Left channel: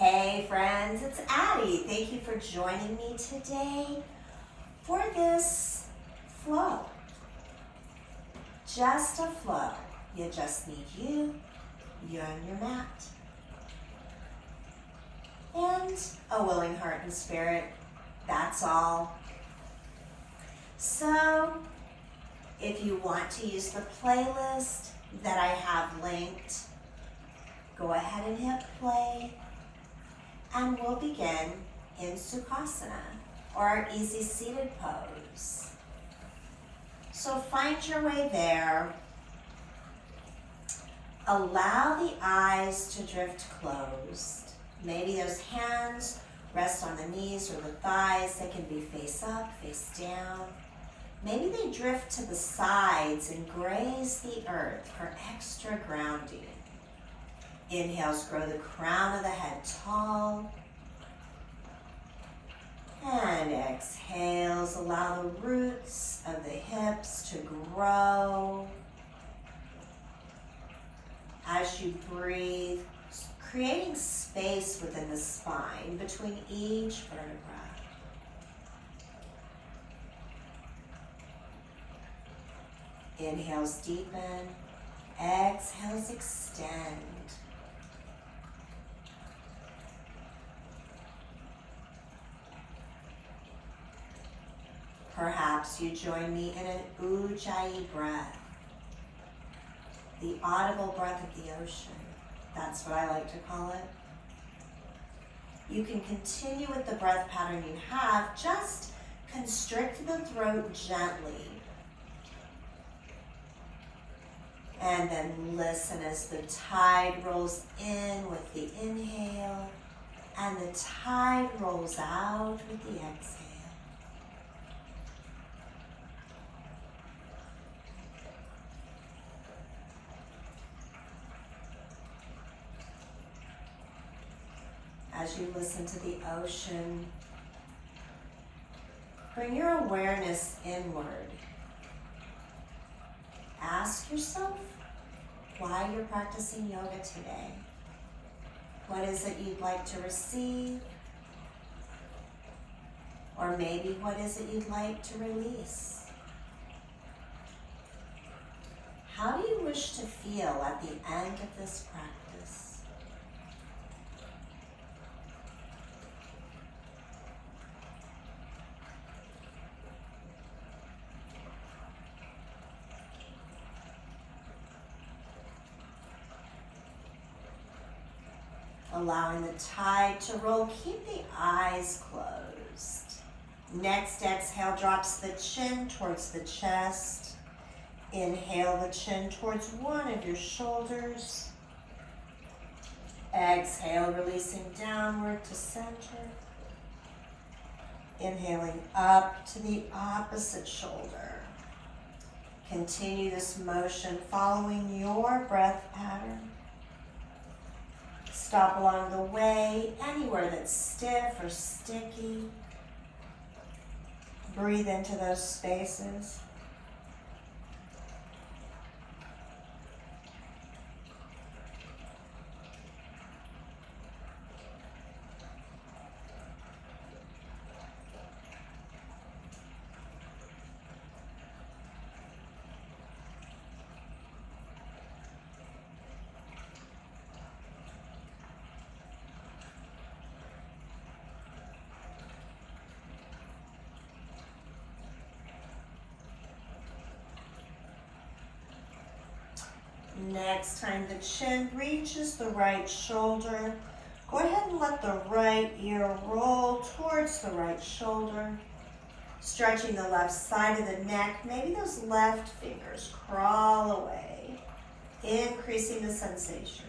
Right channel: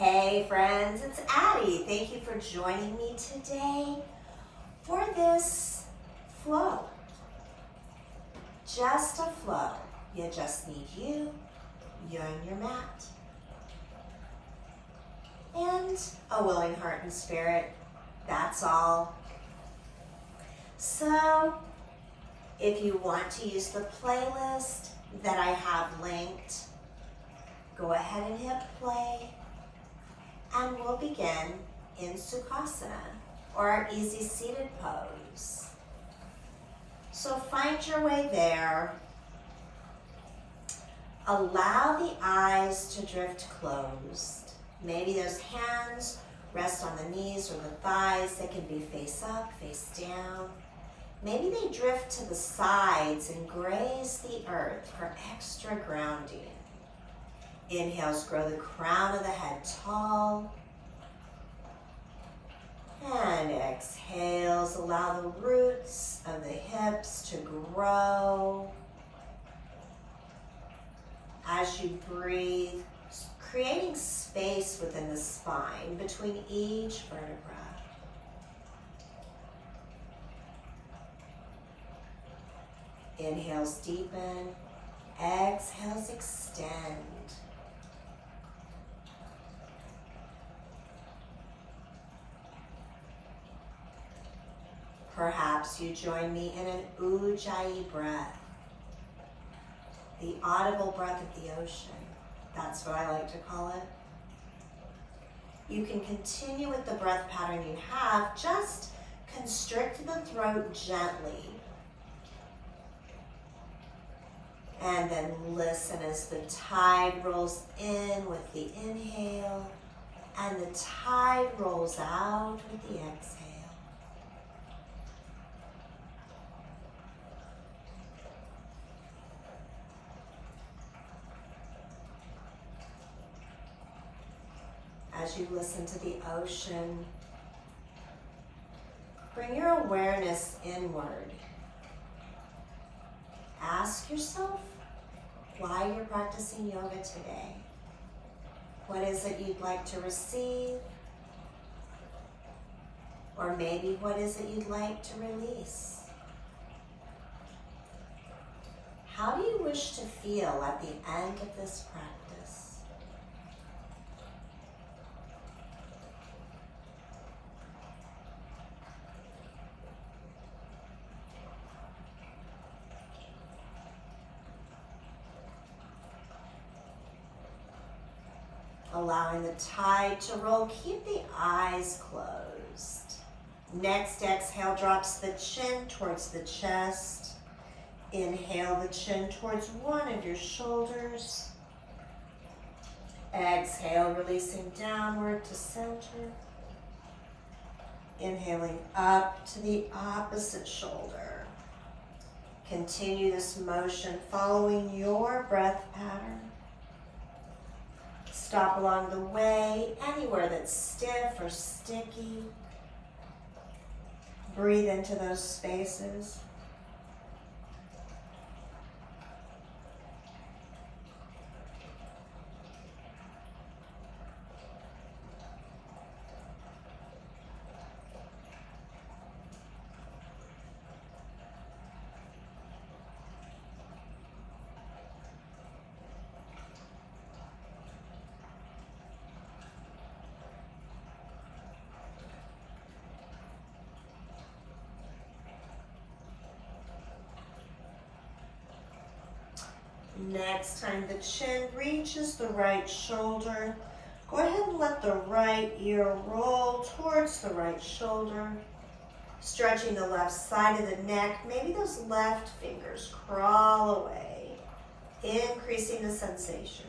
Hey friends, it's Addie. Thank you for joining me today for this flow. Just a flow. You just need you and your mat, and a willing heart and spirit. That's all. So, if you want to use the playlist that I have linked, go ahead and hit play. And we'll begin in Sukhasana, or our easy seated pose. So find your way there. Allow the eyes to drift closed. Maybe those hands rest on the knees or the thighs. They can be face up, face down. Maybe they drift to the sides and graze the earth for extra grounding. Inhales, grow the crown of the head tall. And exhales, allow the roots of the hips to grow. As you breathe, creating space within the spine between each vertebra. Inhales, deepen. Exhales, extend. Perhaps you join me in an Ujjayi breath, the audible breath of the ocean. That's what I like to call it. You can continue with the breath pattern you have, just constrict the throat gently. And then listen as the tide rolls in with the inhale, and the tide rolls out with the exhale. As you listen to the ocean, bring your awareness inward. Ask yourself why you're practicing yoga today. What is it you'd like to receive? Or maybe what is it you'd like to release? How do you wish to feel at the end of this practice? Allowing the tide to roll, keep the eyes closed. Next exhale drops the chin towards the chest. Inhale the chin towards one of your shoulders. Exhale, releasing downward to center. Inhaling up to the opposite shoulder. Continue this motion following your breath pattern. Stop along the way, anywhere that's stiff or sticky. Breathe into those spaces. Next time the chin reaches the right shoulder, go ahead and let the right ear roll towards the right shoulder. Stretching the left side of the neck, maybe those left fingers crawl away, increasing the sensation.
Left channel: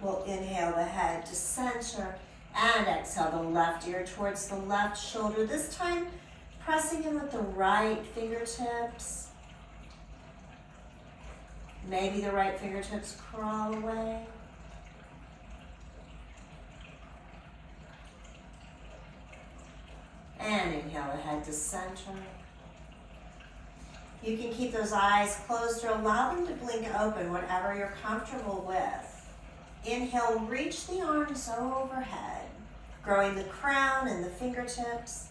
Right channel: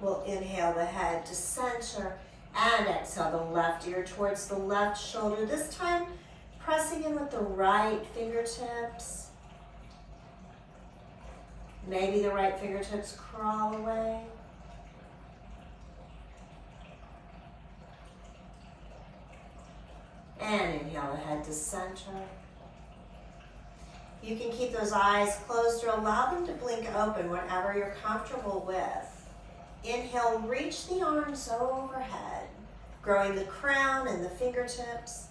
We'll inhale the head to center and exhale the left ear towards the left shoulder. This time, pressing in with the right fingertips. Maybe the right fingertips crawl away. And inhale the head to center. You can keep those eyes closed or allow them to blink open, whatever you're comfortable with. Inhale, reach the arms overhead, growing the crown and the fingertips.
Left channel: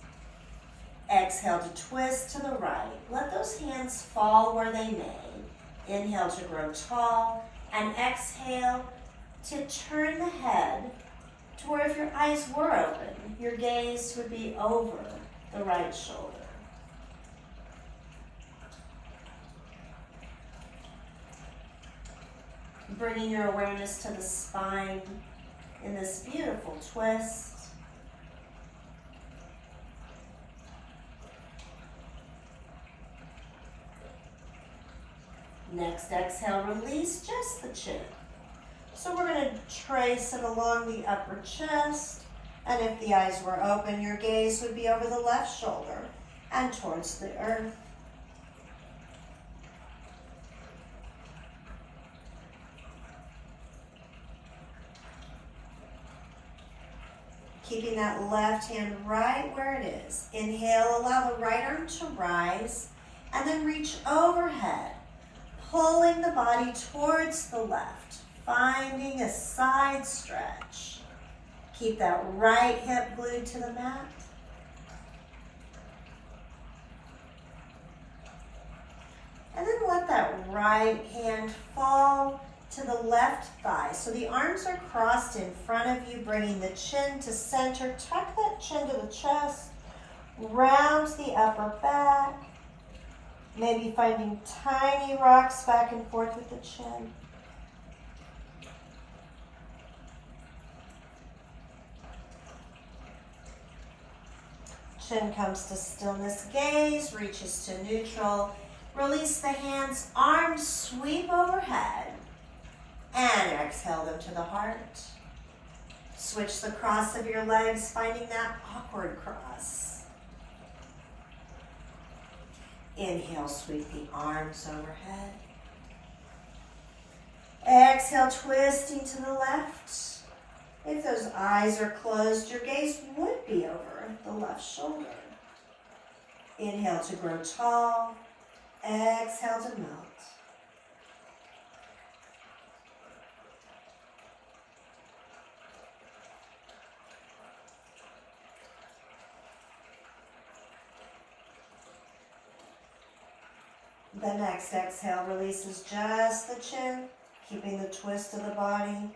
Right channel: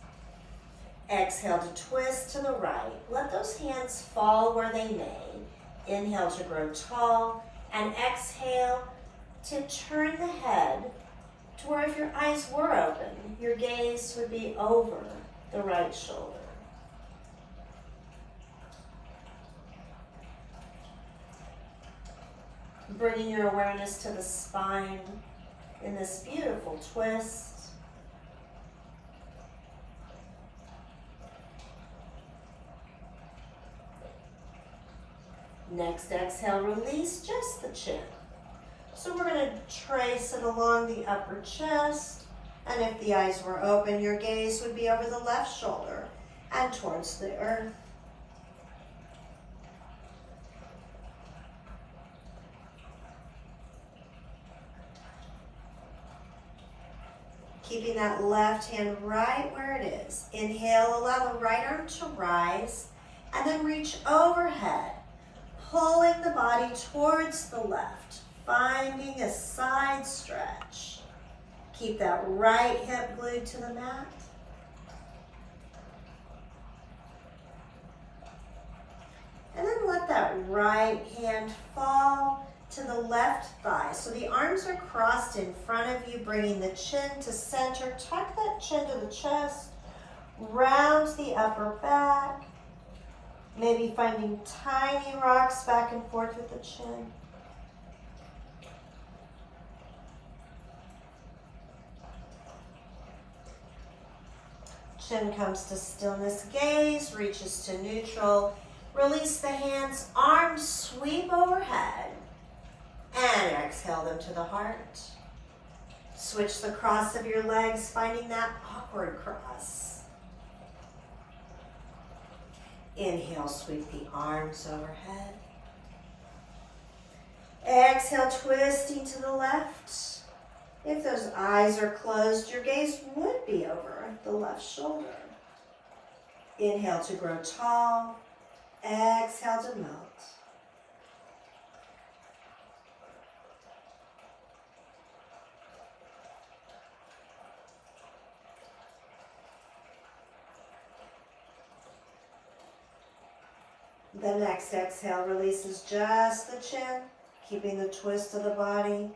Exhale to twist to the right. Let those hands fall where they may. Inhale to grow tall, and exhale to turn the head to where if your eyes were open, your gaze would be over the right shoulder. Bringing your awareness to the spine in this beautiful twist. Next exhale, release just the chin. So we're going to trace it along the upper chest. And if the eyes were open, your gaze would be over the left shoulder and towards the earth. Keeping that left hand right where it is. Inhale, allow the right arm to rise and then reach overhead, pulling the body towards the left, finding a side stretch. Keep that right hip glued to the mat. And then let that right hand fall to the left thigh. So the arms are crossed in front of you, bringing the chin to center. Tuck that chin to the chest, round the upper back. Maybe finding tiny rocks back and forth with the chin. Chin comes to stillness, gaze reaches to neutral. Release the hands, arms sweep overhead. And exhale them to the heart. Switch the cross of your legs, finding that awkward cross. Inhale, sweep the arms overhead. Exhale, twisting to the left. If those eyes are closed, your gaze would be over the left shoulder. Inhale to grow tall. Exhale to melt. The next exhale releases just the chin, keeping the twist of the body.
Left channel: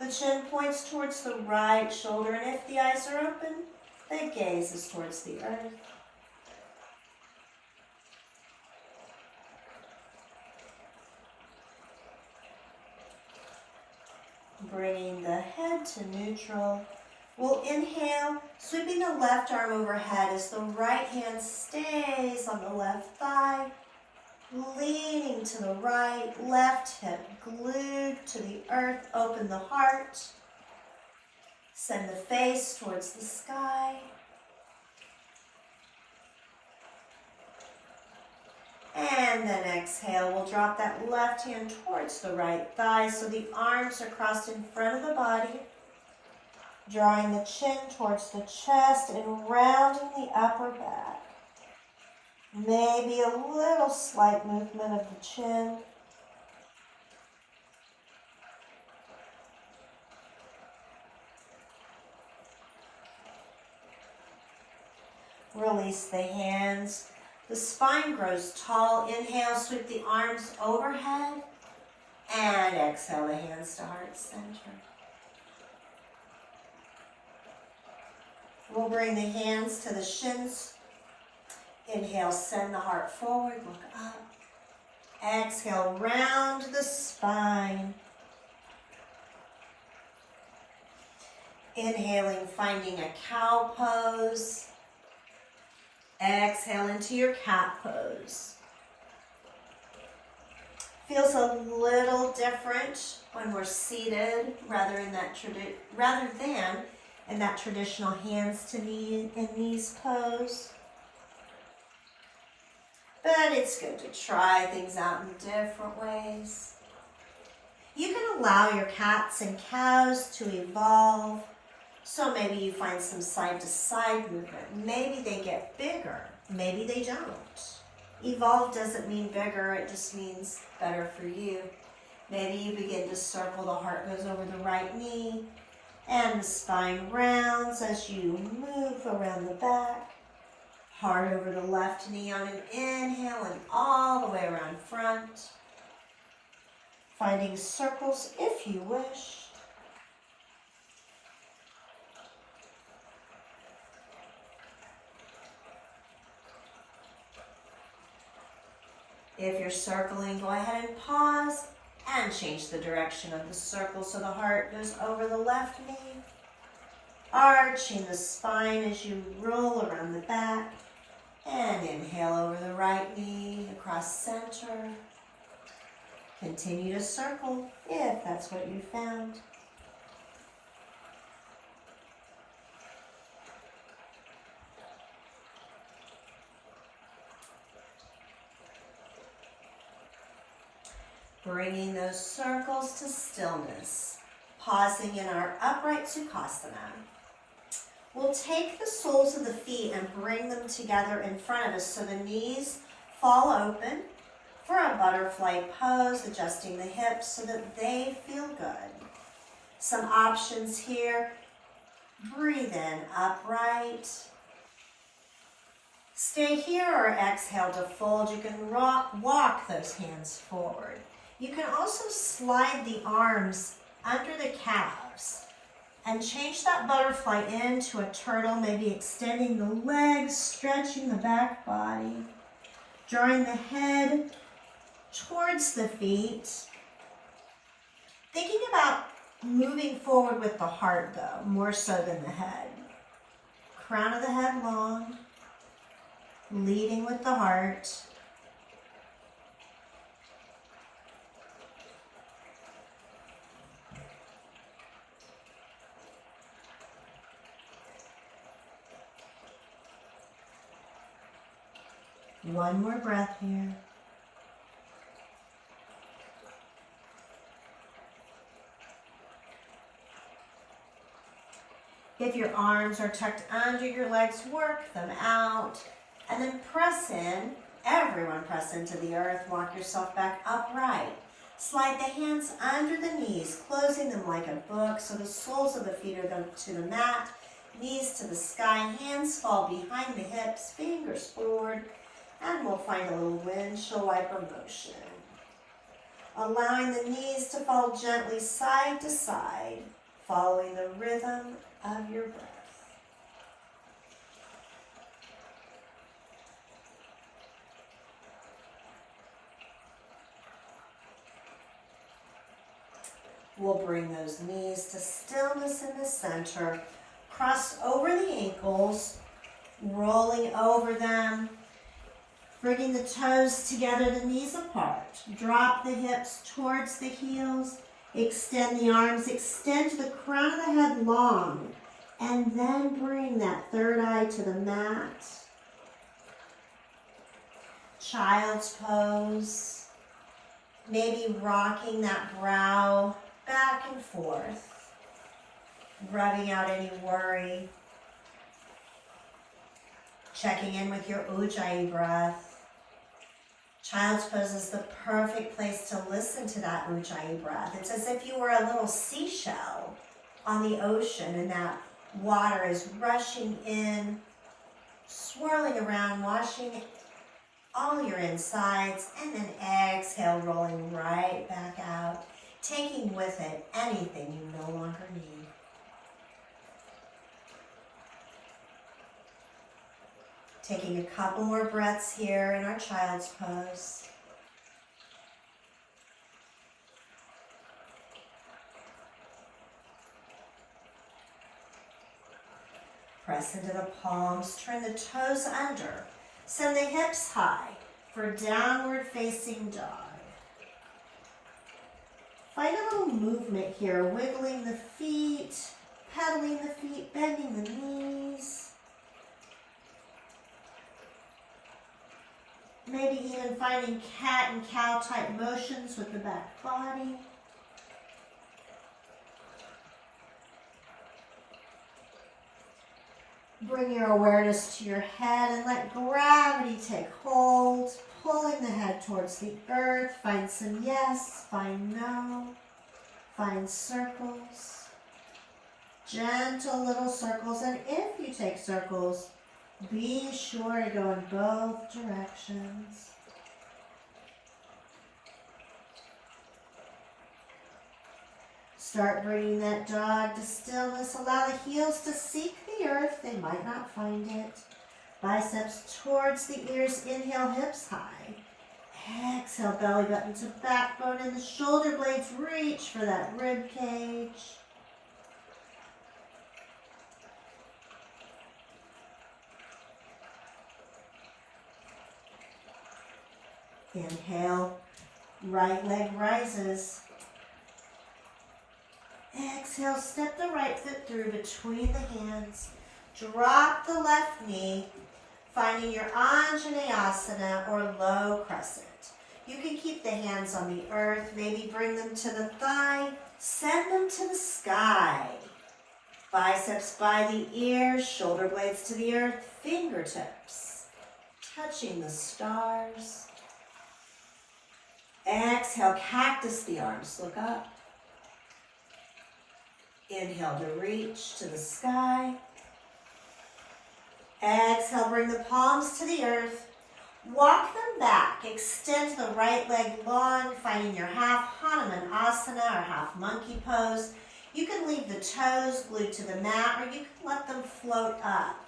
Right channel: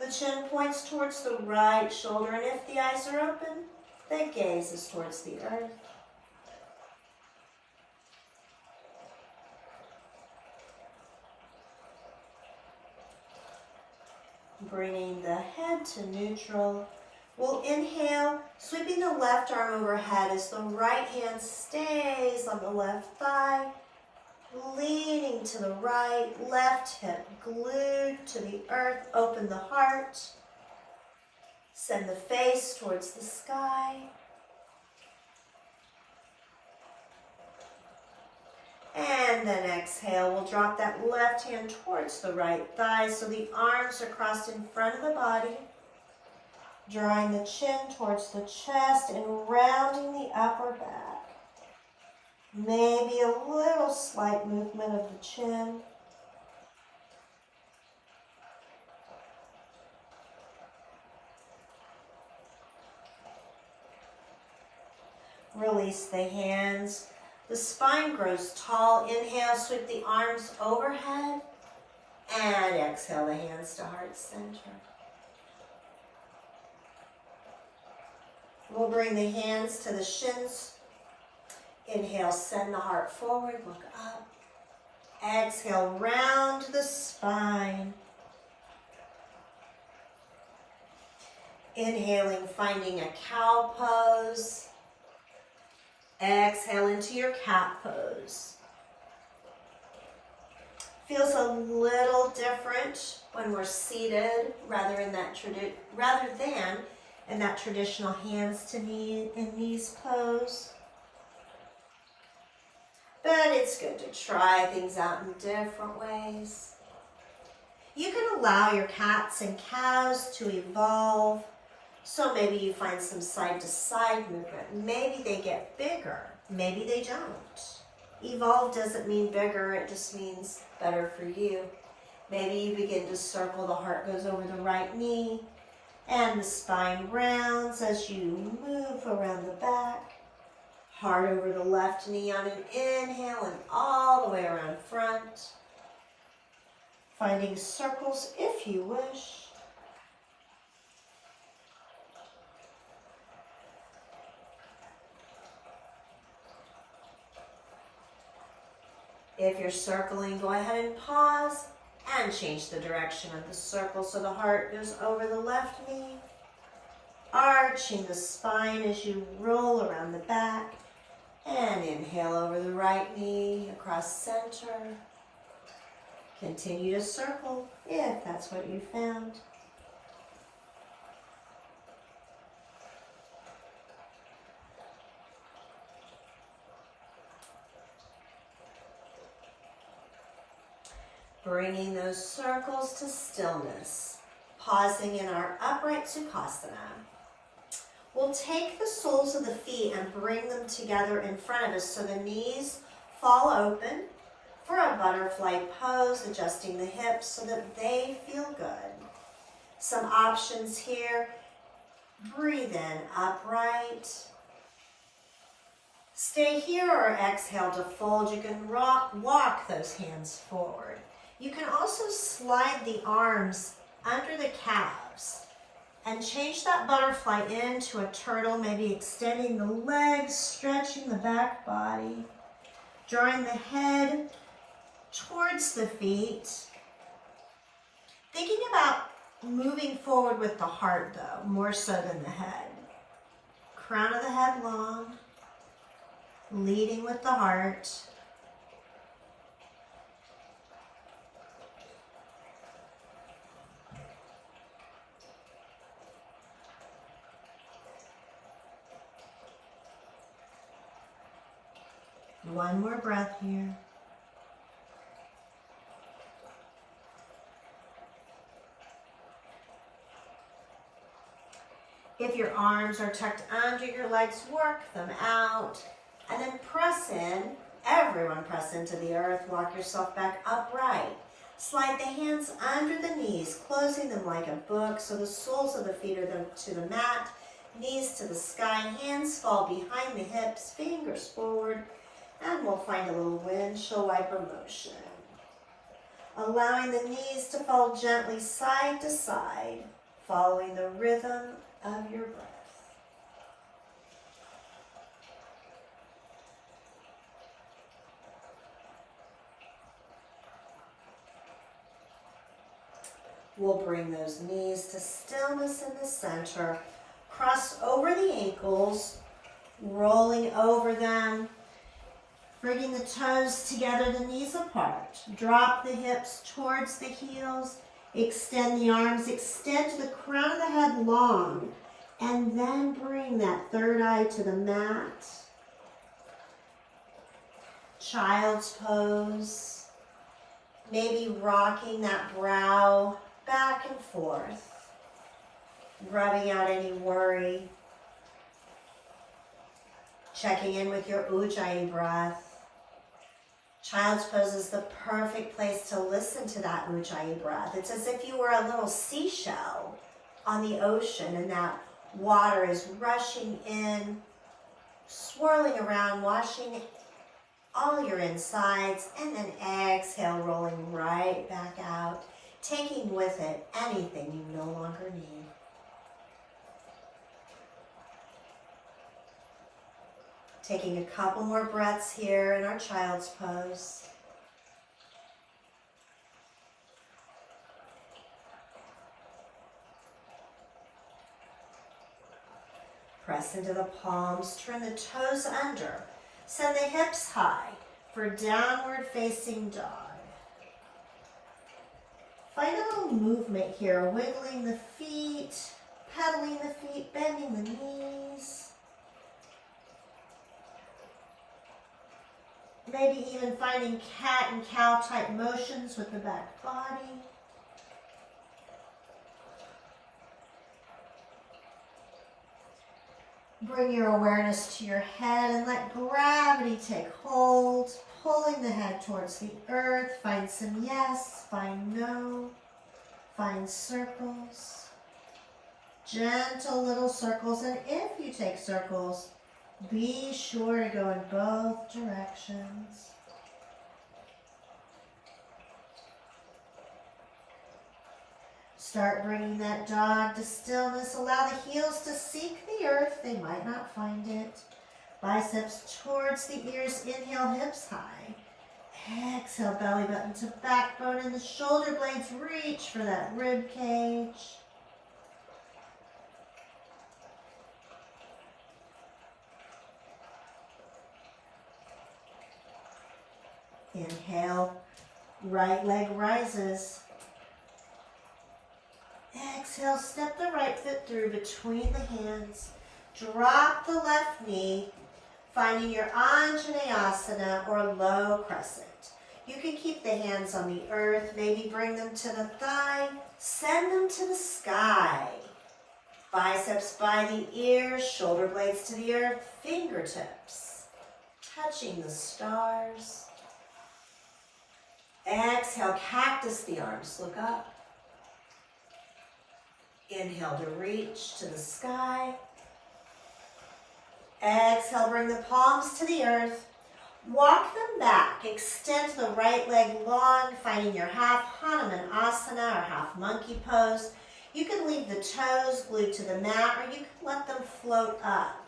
The chin points towards the right shoulder, and if the eyes are open, the gaze is towards the earth. Bringing the head to neutral. We'll inhale, sweeping the left arm overhead as the right hand stays on the left thigh. Leaning to the right, left hip glued to the earth, open the heart. Send the face towards the sky. And then exhale, we'll drop that left hand towards the right thigh so the arms are crossed in front of the body. Drawing the chin towards the chest and rounding the upper back. Maybe a little slight movement of the chin. Release the hands. The spine grows tall. Inhale, sweep the arms overhead. And exhale the hands to heart center. We'll bring the hands to the shins. Inhale, send the heart forward, look up. Exhale, round the spine. Inhaling, finding a cow pose. Exhale into your cat pose. Feels a little different when we're seated rather than in that traditional hands to knee and knees pose. But it's good to try things out in different ways. You can allow your cats and cows to evolve. So maybe you find some side to side movement. Maybe they get bigger. Maybe they don't. Evolve doesn't mean bigger, it just means better for you. Maybe you begin to circle, the heart goes over the right knee, and the spine rounds as you move around the back. Heart over the left knee on an inhale and all the way around front. Finding circles if you wish. If you're circling, go ahead and pause and change the direction of the circle so the heart goes over the left knee, arching the spine as you roll around the back, and inhale over the right knee across center. Continue to circle if that's what you found. Bringing those circles to stillness, pausing in our upright Sukhasana. We'll take the soles of the feet and bring them together in front of us so the knees fall open for a butterfly pose, adjusting the hips so that they feel good. Some options here. Breathe in, upright. Stay here or exhale to fold. You can walk those hands forward. You can also slide the arms under the calves and change that butterfly into a turtle, maybe extending the legs, stretching the back body, drawing the head towards the feet. Thinking about moving forward with the heart though, more so than the head. Crown of the head long, leading with the heart. One more breath here. If your arms are tucked under your legs, work them out. And then press in. Everyone press into the earth. Walk yourself back upright. Slide the hands under the knees, closing them like a book so the soles of the feet are to the mat, knees to the sky, hands fall behind the hips, fingers forward. And we'll find a little windshield wiper motion. Allowing the knees to fall gently side to side, following the rhythm of your breath. We'll bring those knees to stillness in the center. Cross over the ankles, rolling over them. Bringing the toes together, the knees apart. Drop the hips towards the heels. Extend the arms, extend to the crown of the head long. And then bring that third eye to the mat. Child's pose. Maybe rocking that brow back and forth. Rubbing out any worry. Checking in with your Ujjayi breath. Child's pose is the perfect place to listen to that Ujjayi breath. It's as if you were a little seashell on the ocean and that water is rushing in, swirling around, washing all your insides, and then exhale, rolling right back out, taking with it anything you no longer need. Taking a couple more breaths here in our child's pose. Press into the palms, turn the toes under. Send the hips high for downward facing dog. Find a little movement here, wiggling the feet, pedaling the feet, bending the knees. Maybe even finding cat and cow type motions with the back body. Bring your awareness to your head and let gravity take hold. pulling the head towards the earth. Find some yes, find no, find circles. Gentle little circles, and if you take circles, be sure to go in both directions. Start bringing that dog to stillness. Allow the heels to seek the earth. They might not find it. Biceps towards the ears. Inhale, hips high. Exhale, belly button to backbone, and the shoulder blades reach for that rib cage. Inhale, right leg rises. Exhale, step the right foot through between the hands. Drop the left knee, finding your Anjaneyasana or low crescent. You can keep the hands on the earth, maybe bring them to the thigh, send them to the sky. Biceps by the ears, shoulder blades to the earth, fingertips touching the stars. Exhale, cactus the arms, look up. Inhale to reach to the sky. Exhale, bring the palms to the earth. Walk them back. Extend the right leg long, finding your half Hanuman Asana or half monkey pose. You can leave the toes glued to the mat, or you can let them float up.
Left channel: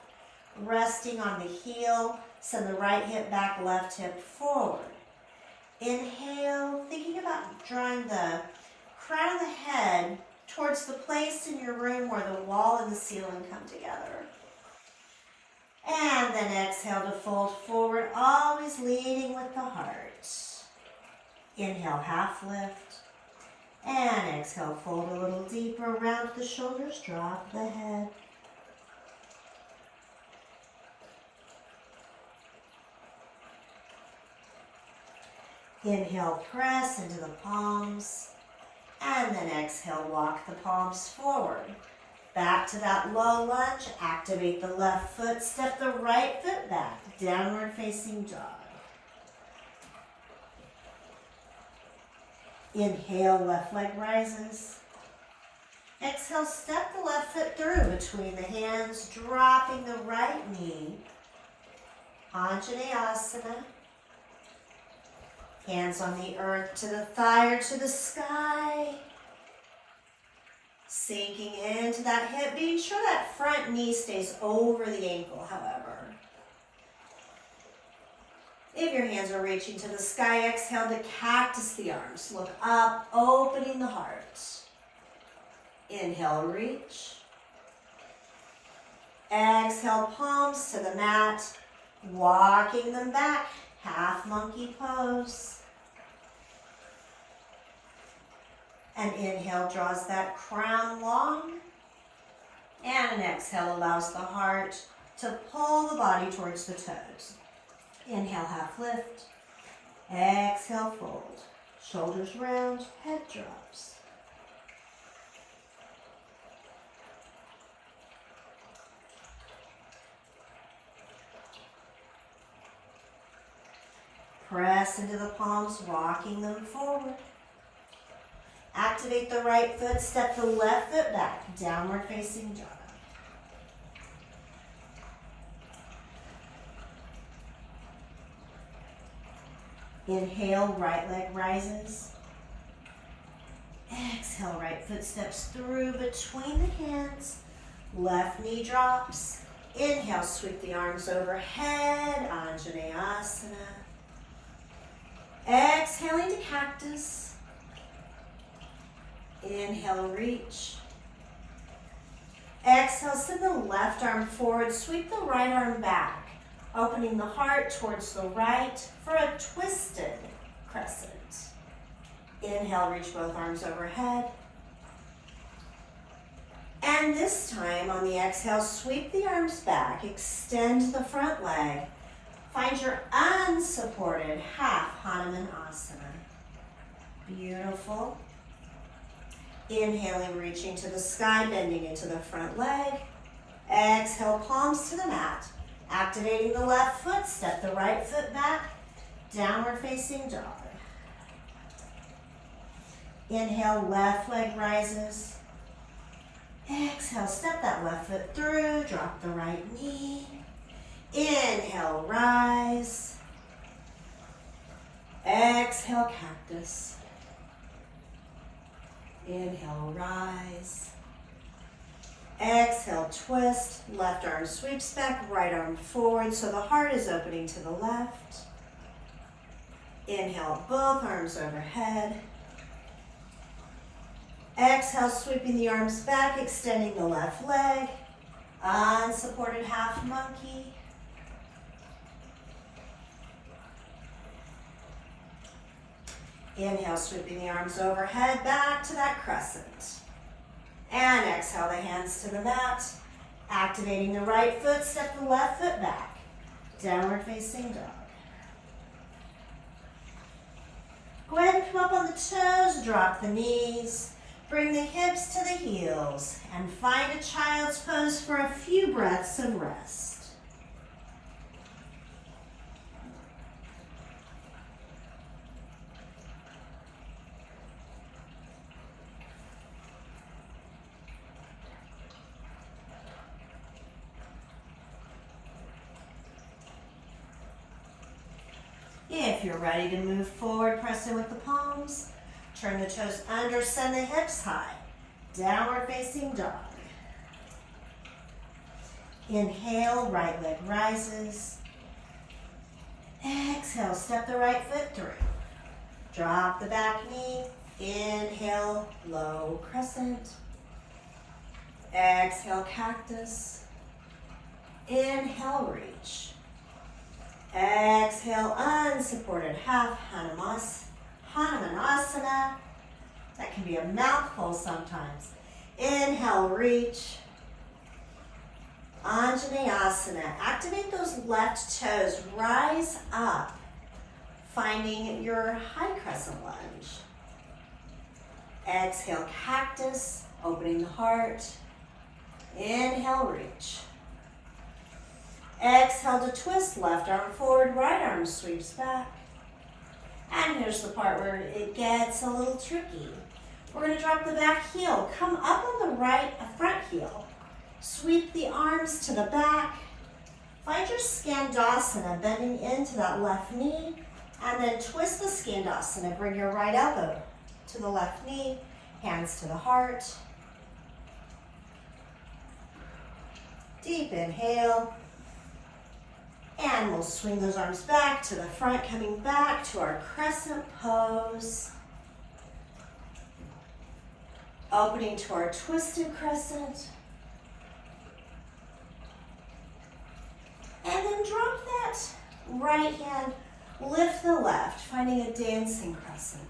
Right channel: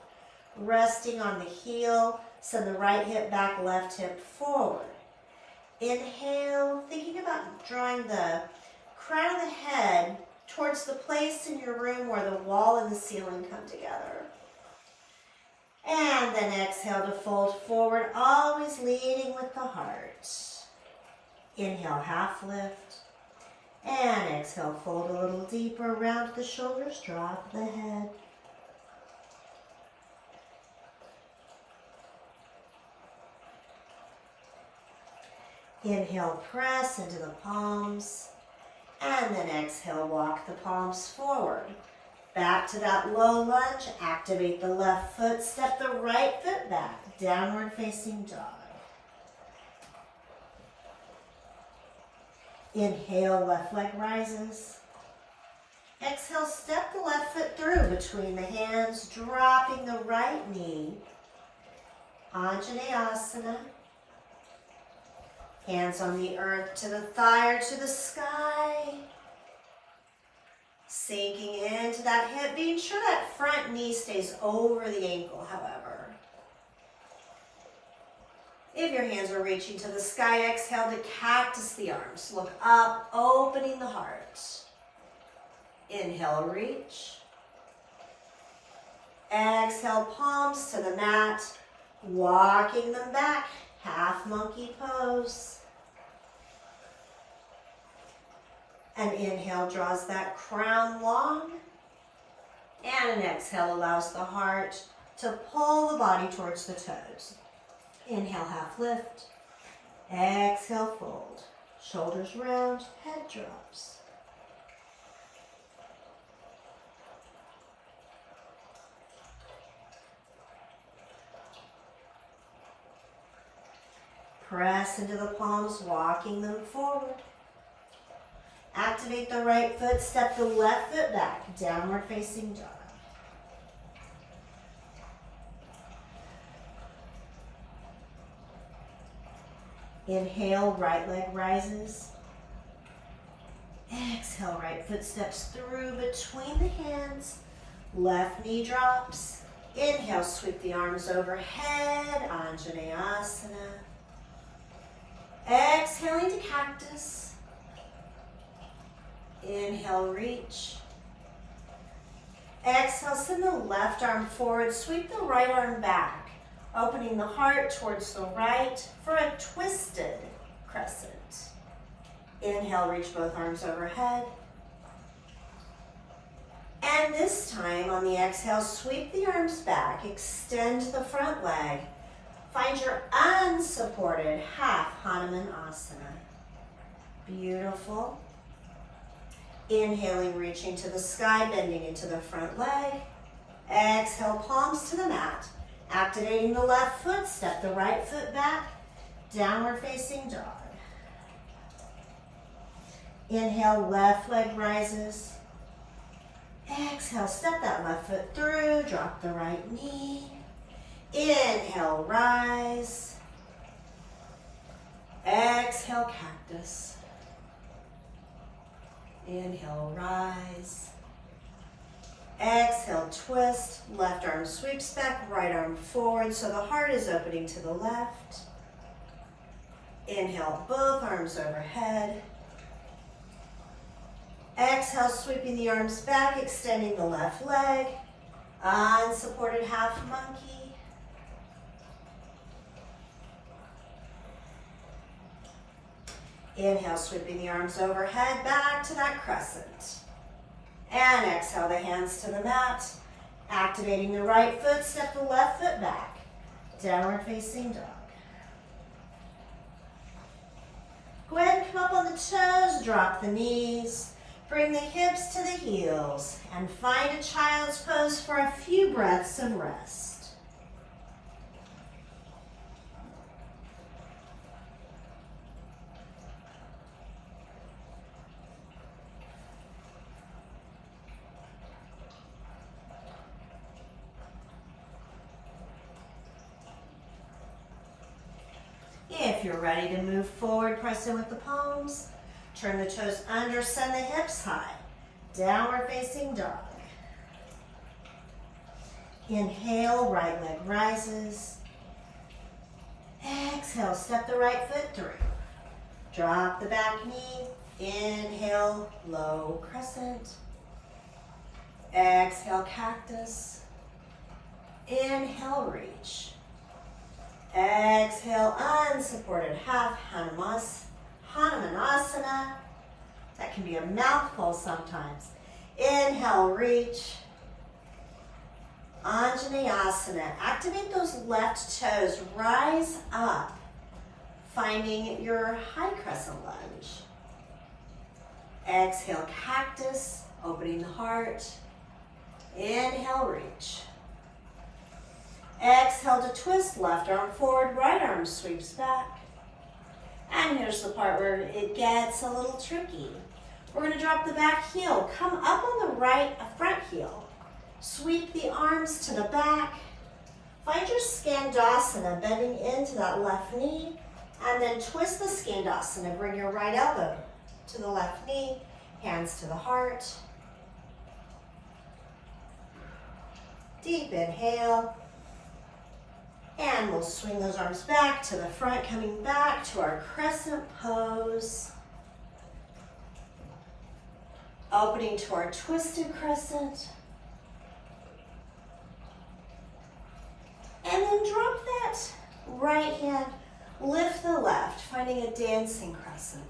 Resting on the heel, send the right hip back, left hip forward. Inhale, thinking about drawing the crown of the head towards the place in your room where the wall and the ceiling come together. And then exhale to fold forward, always leading with the heart. Inhale, half lift. And exhale, fold a little deeper, round the shoulders, drop the head. Inhale, press into the palms. And then exhale, walk the palms forward. Back to that low lunge, activate the left foot, step the right foot back, downward facing dog. Inhale, left leg rises. Exhale, step the left foot through between the hands, dropping the right knee. Anjaneyasana. Hands on the earth to the thigh or to the sky. Sinking into that hip, being sure that front knee stays over the ankle, however. If your hands are reaching to the sky, exhale to cactus the arms. Look up, opening the heart. Inhale, reach. Exhale, palms to the mat, walking them back, half monkey pose. And inhale draws that crown long. And an exhale allows the heart to pull the body towards the toes. Inhale, half lift. Exhale, fold. Shoulders round, head drops. Press into the palms, walking them forward. Activate the right foot, step the left foot back, downward facing dog. Inhale, right leg rises. Exhale, right foot steps through between the hands. Left knee drops. Inhale, sweep the arms overhead, Anjaneyasana. Exhaling to cactus. Inhale, reach. Exhale, send the left arm forward, sweep the right arm back, opening the heart towards the right for a twisted crescent. Inhale, reach both arms overhead. And this time on the exhale, sweep the arms back, extend the front leg. Find your unsupported half Hanuman Asana. Beautiful. Inhaling, reaching to the sky, bending into the front leg. Exhale, palms to the mat. Activating the left foot, step the right foot back. Downward facing dog. Inhale, left leg rises. Exhale, step that left foot through, drop the right knee. Inhale, rise. Exhale, cactus. Inhale, rise. Exhale, twist. Left arm sweeps back, right arm forward, so the heart is opening to the left. Inhale, both arms overhead. Exhale, sweeping the arms back, extending the left leg. Unsupported half monkey. Inhale, sweeping the arms overhead, back to that crescent. And exhale the hands to the mat. Activating the right foot, step the left foot back. Downward facing dog. Go ahead and come up on the toes, drop the knees. Bring the hips to the heels and find a child's pose for a few breaths of rest. If you're ready to move forward, press in with the palms. Turn the toes under, send the hips high. Downward facing dog. Inhale, right leg rises. Exhale, step the right foot through. Drop the back knee. Inhale, low crescent. Exhale, cactus. Inhale, reach. Exhale, unsupported half Hanumanasana. That can be a mouthful sometimes. Inhale, reach. Anjaneyasana. Activate those left toes. Rise up, finding your high crescent lunge. Exhale, cactus, opening the heart. Inhale, reach. Exhale to twist, left arm forward, right arm sweeps back. And here's the part where it gets a little tricky. We're going to drop the back heel. Come up on the right front heel. Sweep the arms to the back. Find your Skandasana, bending into that left knee. And then twist the Skandasana. Bring your right elbow to the left knee. Hands to the heart. Deep inhale. And we'll swing those arms back to the front, coming back to our crescent pose. Opening to our twisted crescent. And then drop that right hand, lift the left, finding a dancing crescent.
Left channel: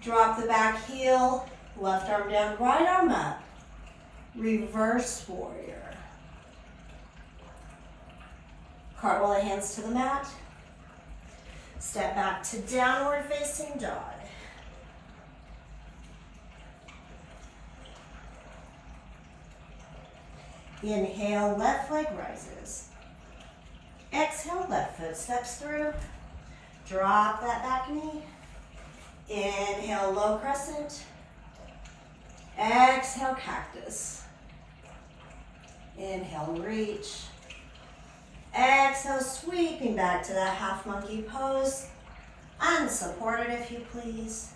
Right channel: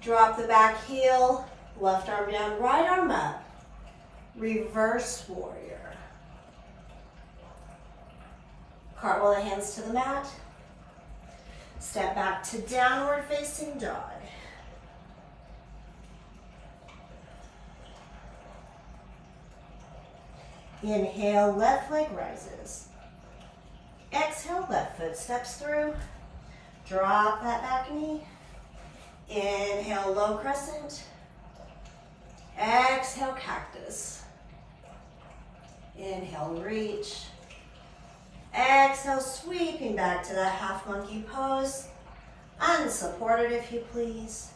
Drop the back heel, left arm down, right arm up. Reverse warrior. Cartwheel the hands to the mat. Step back to downward facing dog. Inhale, left leg rises. Exhale, left foot steps through. Drop that back knee. Inhale, low crescent. Exhale, cactus. Inhale, reach. Exhale, sweeping back to that half monkey pose. Unsupported if you please.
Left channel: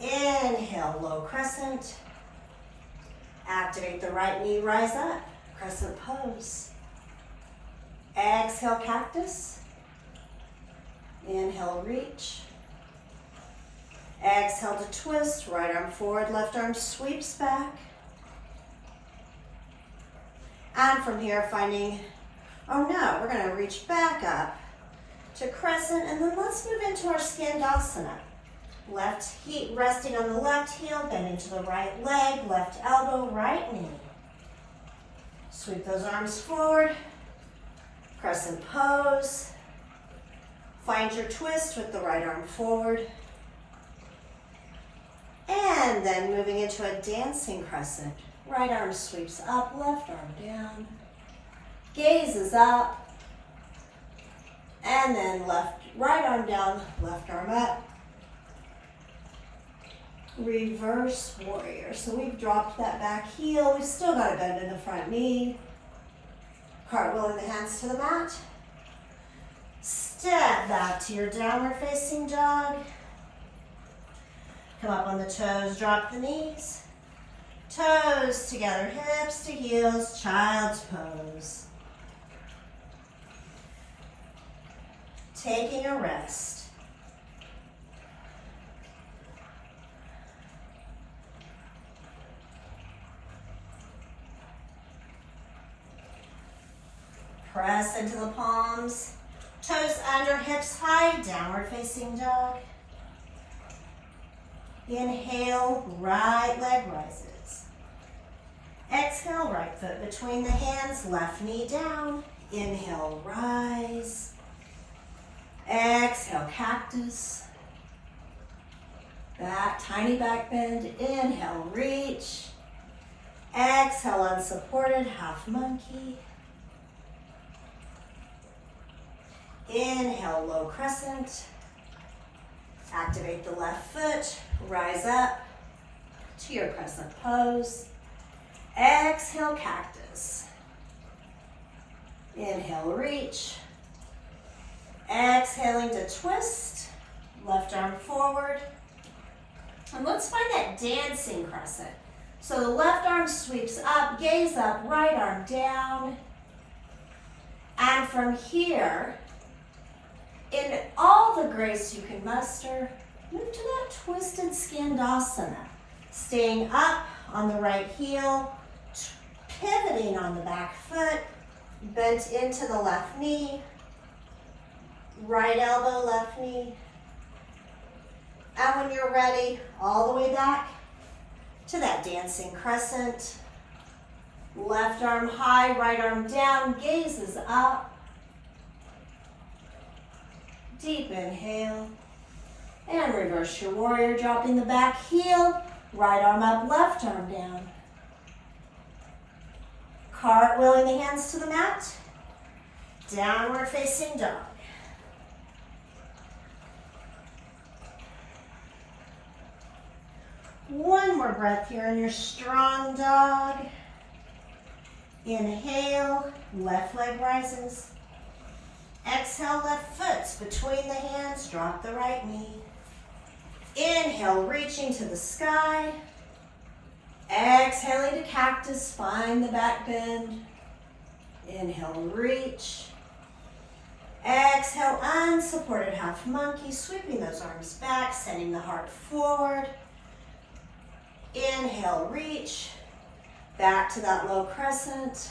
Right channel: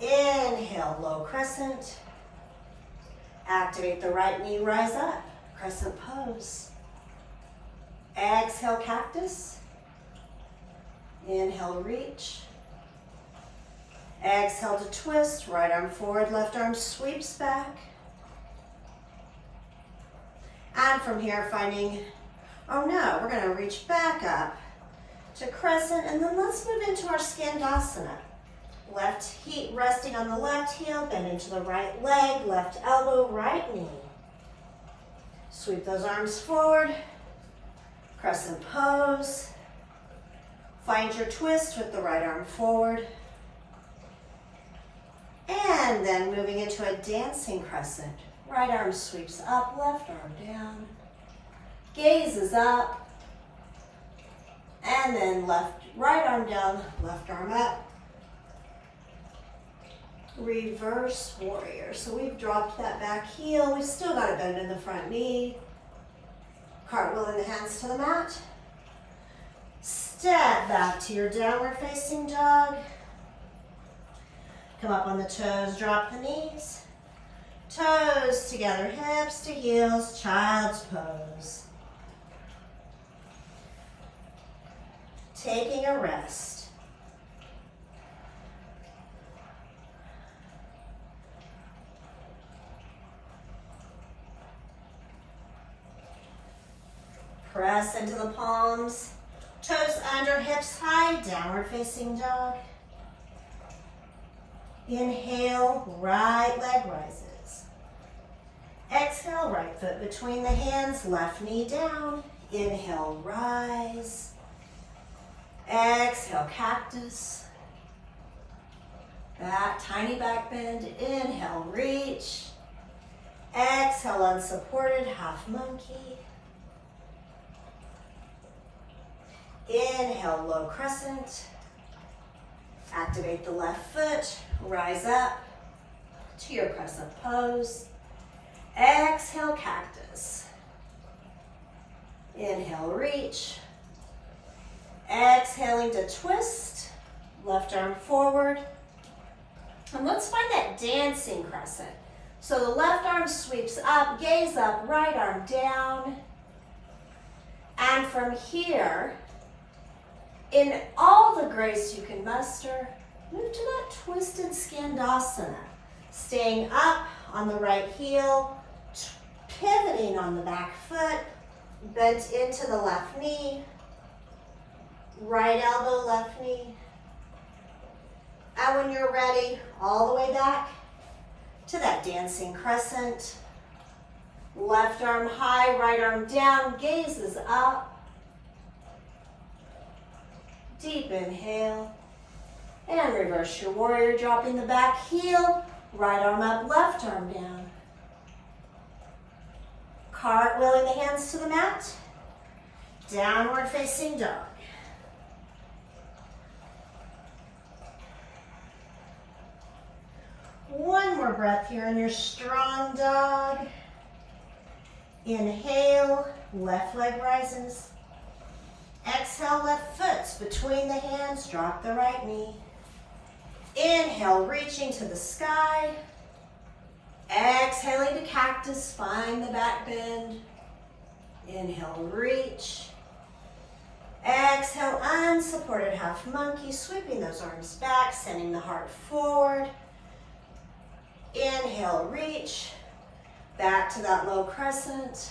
Inhale, low crescent. Activate the right knee, rise up. Crescent pose. Exhale, cactus. Inhale, reach. Exhale to twist, right arm forward, left arm sweeps back. And from here, finding, oh no, we're gonna reach back up to crescent, and then let's move into our Skandasana. Left heel resting on the left heel, bend into the right leg, left elbow, right knee. Sweep those arms forward, crescent pose. Find your twist with the right arm forward. And then moving into a dancing crescent. Right arm sweeps up, left arm down. Gaze is up. And then right arm down, left arm up. Reverse warrior. So we've dropped that back heel. We've still got a bend in the front knee. Cartwheeling the hands to the mat. Step back to your downward facing dog. Come up on the toes, drop the knees. Toes together, hips to heels, child's pose. Taking a rest. Press into the palms, toes under, hips high, downward facing dog. Inhale, right leg rises. Exhale, right foot between the hands, left knee down. Inhale, rise. Exhale, cactus. Back, tiny back bend. Inhale, reach. Exhale, unsupported, half monkey. Inhale, low crescent. Activate the left foot. Rise up to your crescent pose. Exhale, cactus. Inhale, reach. Exhaling to twist. Left arm forward. And let's find that dancing crescent. So the left arm sweeps up, gaze up, right arm down. And from here, in all the grace you can muster, move to that twisted skandasana. Staying up on the right heel, pivoting on the back foot, bent into the left knee, right elbow, left knee. And when you're ready, all the way back to that dancing crescent. Left arm high, right arm down, gaze is up. Deep inhale. And reverse your warrior, dropping the back heel. Right arm up, left arm down. Cartwheeling the hands to the mat. Downward facing dog. One more breath here in your strong dog. Inhale, left leg rises. Exhale, left foot between the hands, drop the right knee. Inhale, reaching to the sky. Exhaling to cactus, find the back bend. Inhale, reach. Exhale, unsupported half monkey, sweeping those arms back, sending the heart forward. Inhale, reach. Back to that low crescent.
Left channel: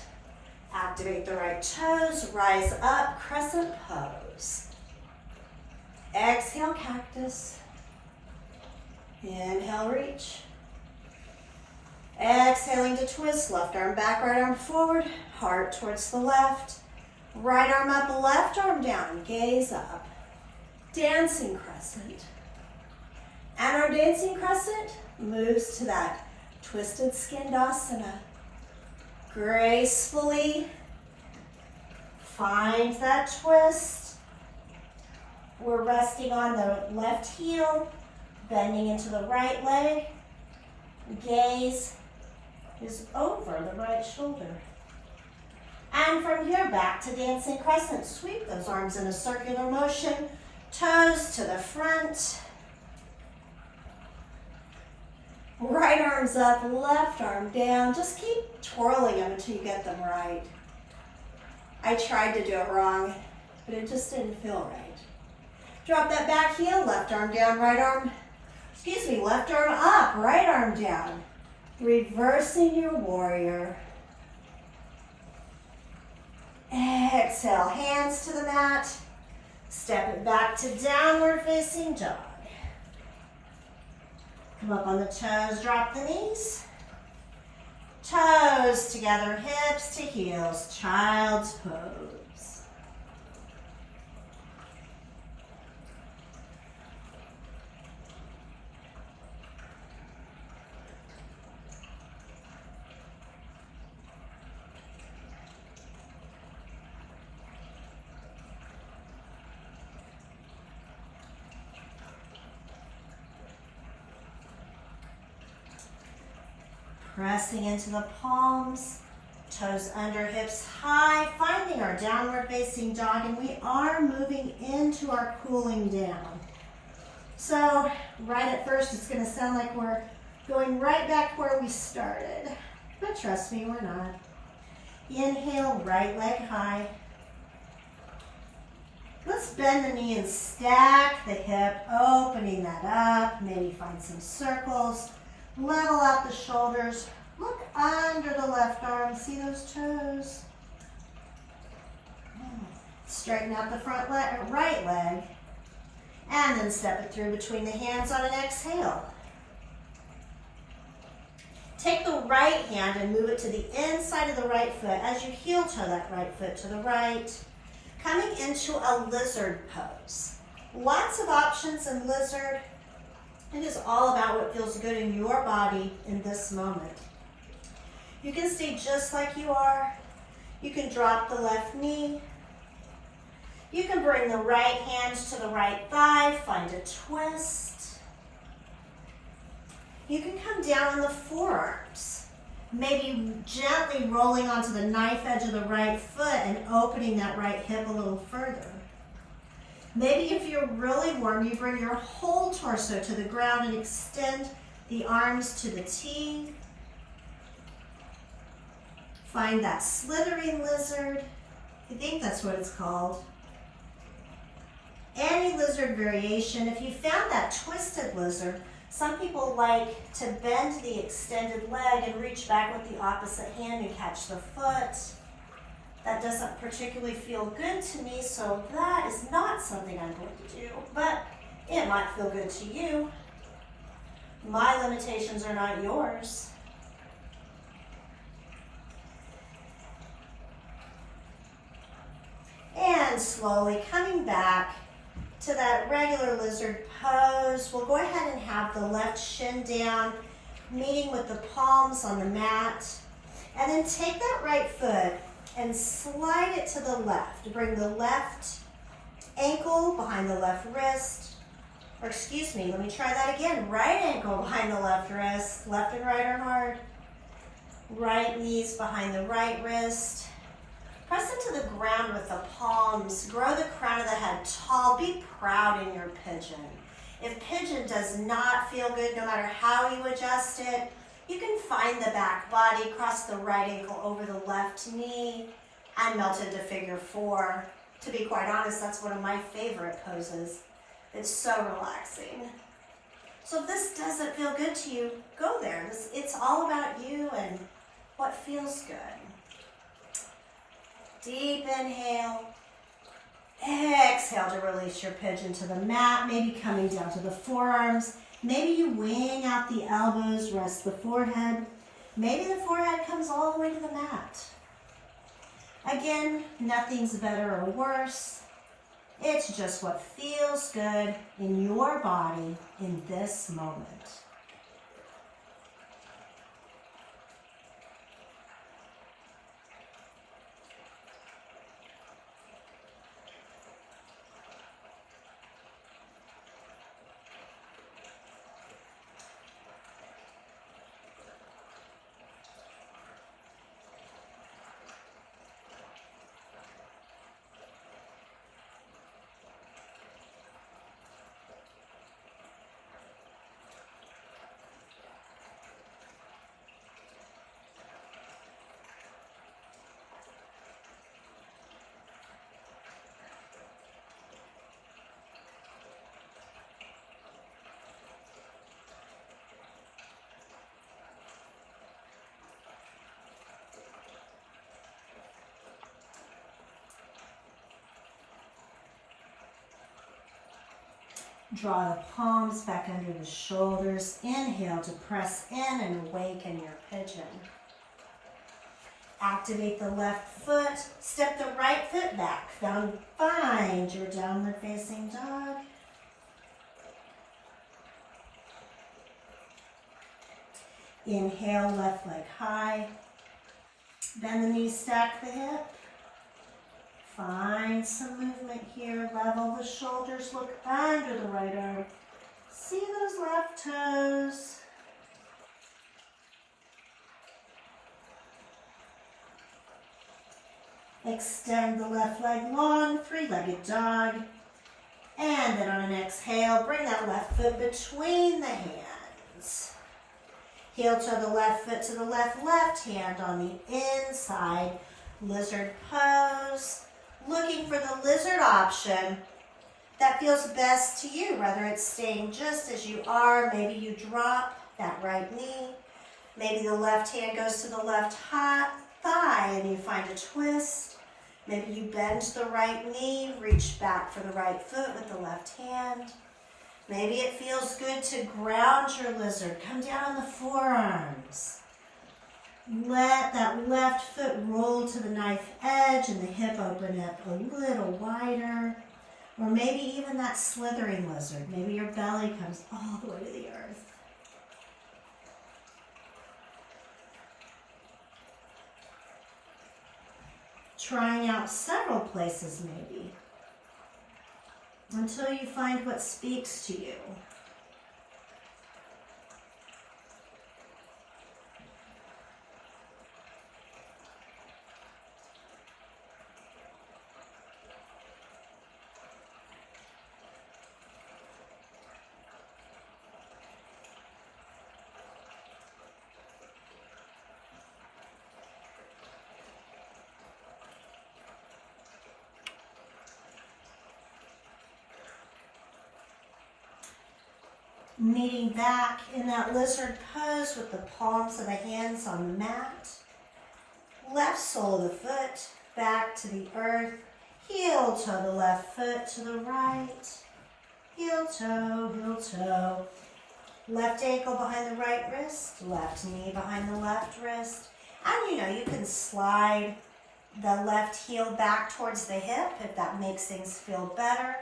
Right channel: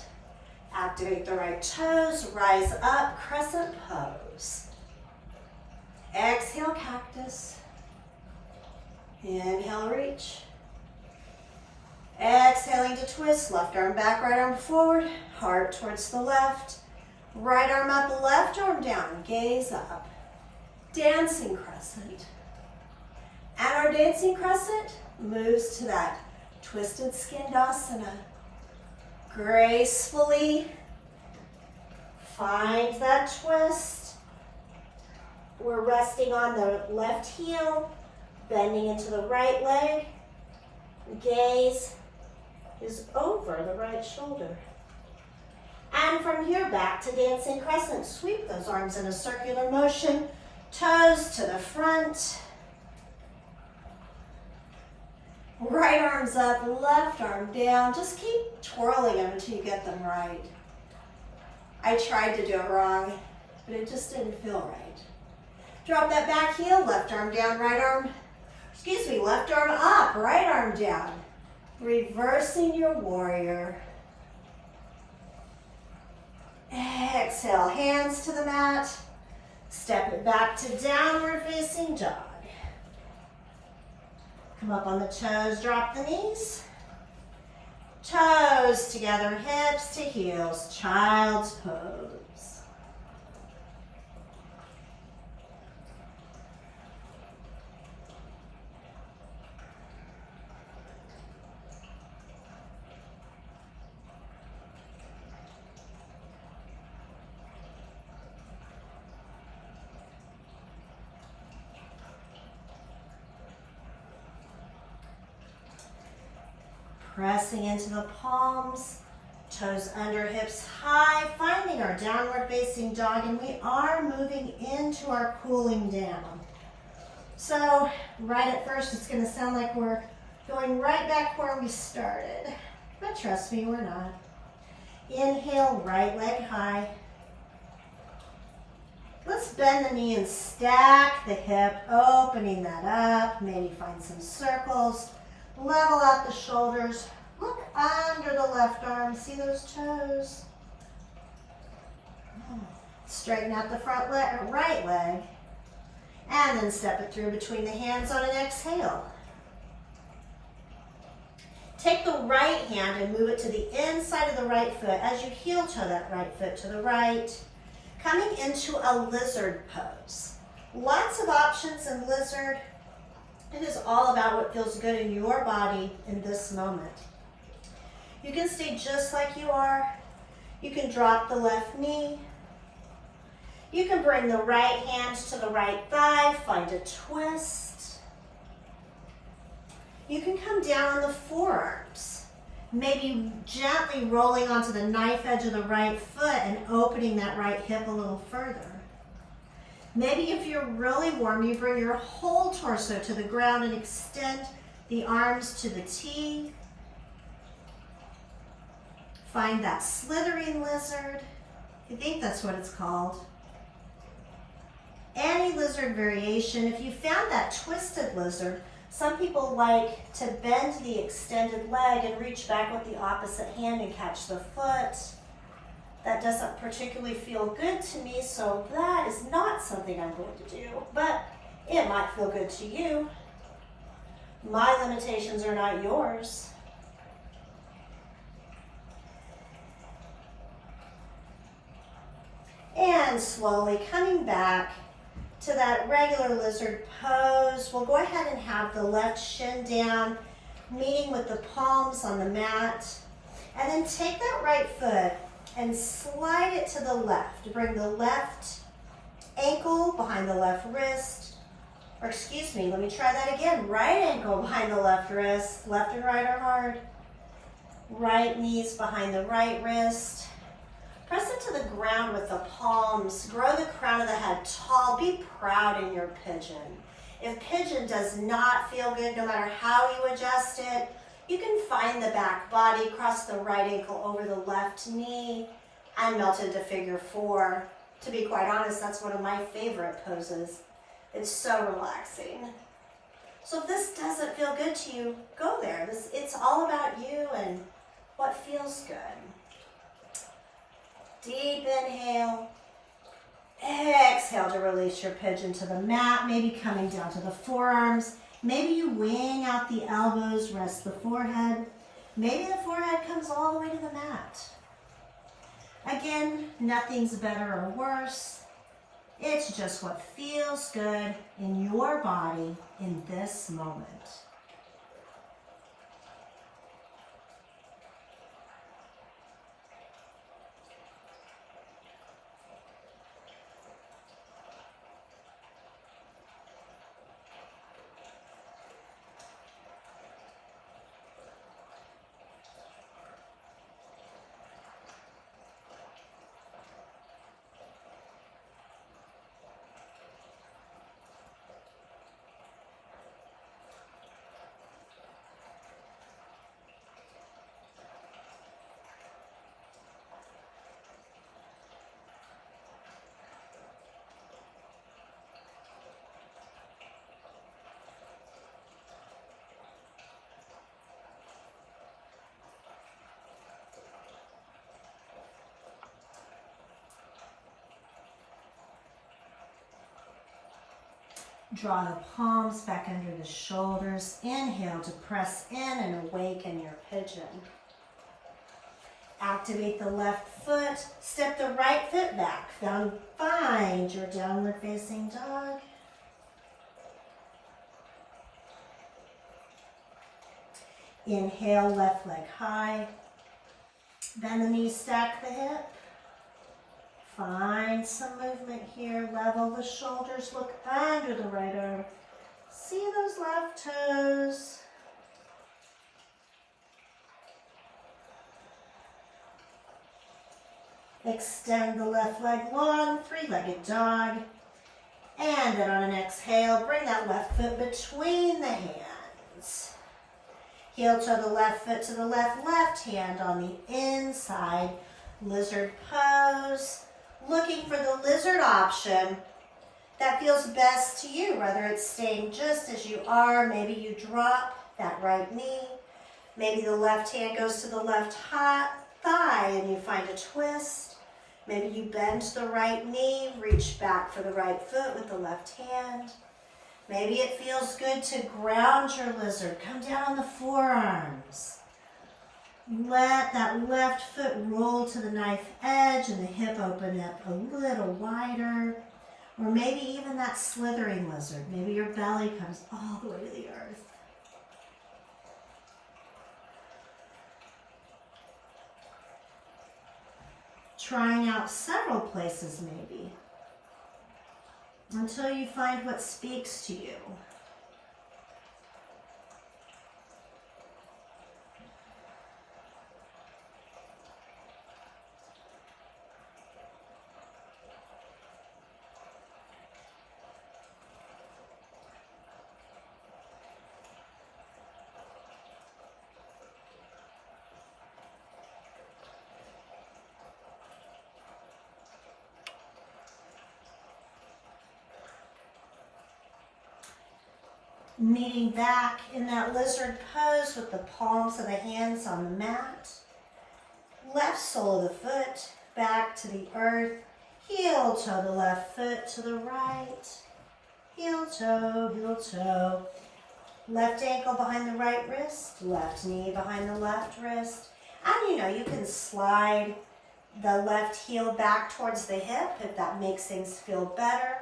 Activate the right toes, rise up, crescent pose. Exhale, cactus. Inhale, reach. Exhaling to twist, left arm back, right arm forward, heart towards the left. Right arm up, left arm down, gaze up. Dancing crescent. And our dancing crescent moves to that twisted skandasana. Gracefully find that twist. We're resting on the left heel, bending into the right leg. Gaze is over the right shoulder. And from here, back to dancing crescent. Sweep those arms in a circular motion. Toes to the front. Right arm's up, left arm down. Just keep twirling them until you get them right. I tried to do it wrong, but it just didn't feel right. Drop that back heel, left arm down, left arm up, right arm down. Reversing your warrior. Exhale, hands to the mat. Step it back to downward facing dog. Come up on the toes, drop the knees. Toes together, hips to heels, child's pose. pressing into the palms, toes under, hips high, finding our downward facing dog, and we are moving into our cooling down. So right at first, it's gonna sound like we're going right back where we started, but trust me, we're not. Inhale, right leg high. Let's bend the knee and stack the hip, opening that up. Maybe find some circles. Level out the shoulders. Look under the left arm. See those toes? Straighten out the front leg, right leg. And then step it through between the hands on an exhale. Take the right hand and move it to the inside of the right foot as you heel toe that right foot to the right. Coming into a lizard pose. Lots of options in lizard. It is all about what feels good in your body in this moment. You can stay just like you are. You can drop the left knee. You can bring the right hand to the right thigh, find a twist. You can come down on the forearms. Maybe gently rolling onto the knife edge of the right foot and opening that right hip a little further. Maybe if you're really warm, you bring your whole torso to the ground and extend the arms to the T. Find that slithering lizard. I think that's what it's called. Any lizard variation. If you found that twisted lizard, some people like to bend the extended leg and reach back with the opposite hand and catch the foot. That doesn't particularly feel good to me, so that is not something I'm going to do, but it might feel good to you. My limitations are not yours. And slowly coming back to that regular lizard pose. We'll go ahead and have the left shin down, meeting with the palms on the mat. And then take that right foot and slide it to the left. Bring the left ankle behind the left wrist. Or excuse me, let me try that again. Right ankle behind the left wrist. Left and right are hard. Right knees behind the right wrist. Press into the ground with the palms. Grow the crown of the head tall. Be proud in your pigeon. If pigeon does not feel good, no matter how you adjust it, you can find the back body, cross the right ankle over the left knee, and melt into figure four. To be quite honest, that's one of my favorite poses. It's so relaxing. So if this doesn't feel good to you, go there. It's all about you and what feels good. Deep inhale. Exhale to release your pigeon to the mat, maybe coming down to the forearms. Maybe you wing out the elbows, rest the forehead. Maybe the forehead comes all the way to the mat. Again, nothing's better or worse. It's just what feels good in your body in this moment. Draw the palms back under the shoulders. Inhale to press in and awaken your pigeon. Activate the left foot. Step the right foot back. Find your downward facing dog. Inhale, left leg high. Bend the knees, stack the hip. Find some movement here. Level the shoulders. Look under the right arm. See those left toes. Extend the left leg long, three-legged dog. And then on an exhale, bring that left foot between the hands. Heel toe the left foot to the left hand on the inside. Lizard pose. Looking for the lizard option that feels best to you, whether it's staying just as you are. Maybe you drop that right knee. Maybe the left hand goes to the left thigh and you find a twist. Maybe you bend the right knee, reach back for the right foot with the left hand. Maybe it feels good to ground your lizard. Come down on the forearms. Let that left foot roll to the knife edge and the hip open up a little wider. Or maybe even that slithering lizard. Maybe your belly comes all the way to the earth. Trying out several places maybe, until you find what speaks to you. Meeting back in that lizard pose with the palms of the hands on the mat. Left sole of the foot back to the earth. Heel toe the left foot to the right. Heel toe, heel toe. Left ankle behind the right wrist. Left knee behind the left wrist. And you can slide the left heel back towards the hip if that makes things feel better.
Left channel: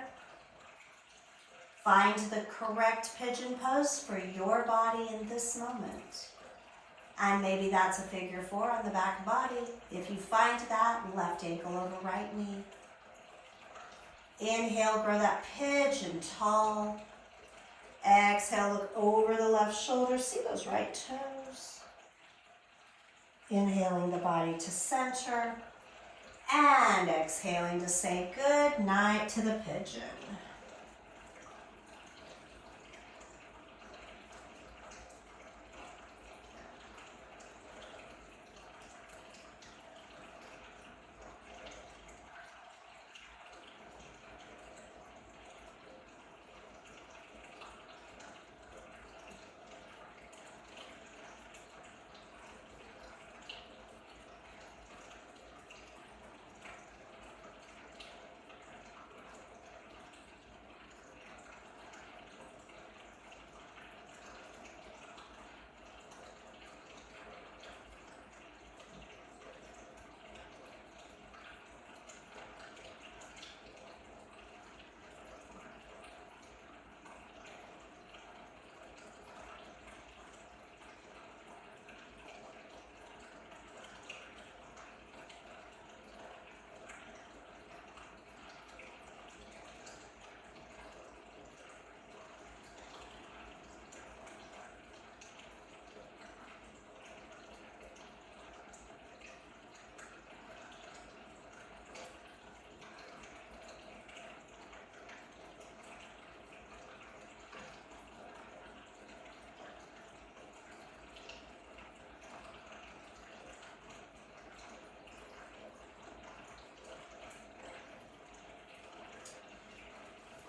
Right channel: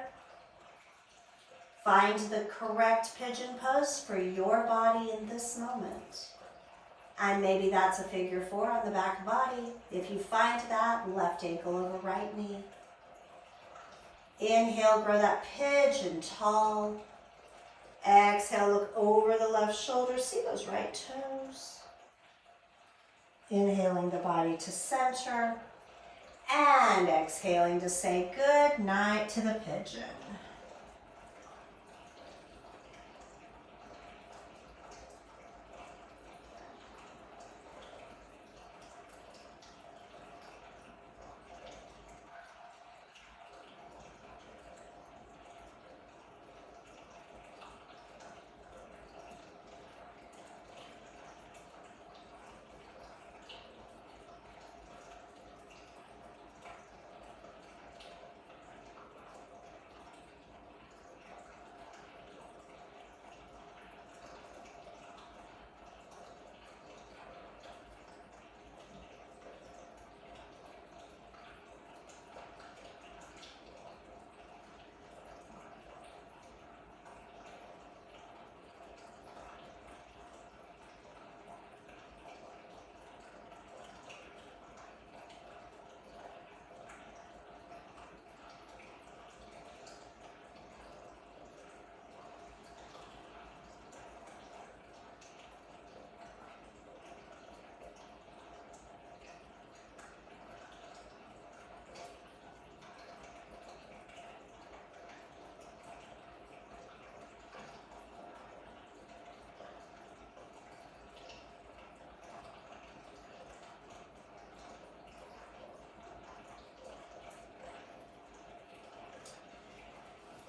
Find the correct pigeon pose for your body in this moment. And maybe that's a figure 4 on the back body. If you find that, left ankle over right knee. Inhale, grow that pigeon tall. Exhale, look over the left shoulder. See those right toes. Inhaling the body to center. And exhaling to say good night to the pigeon.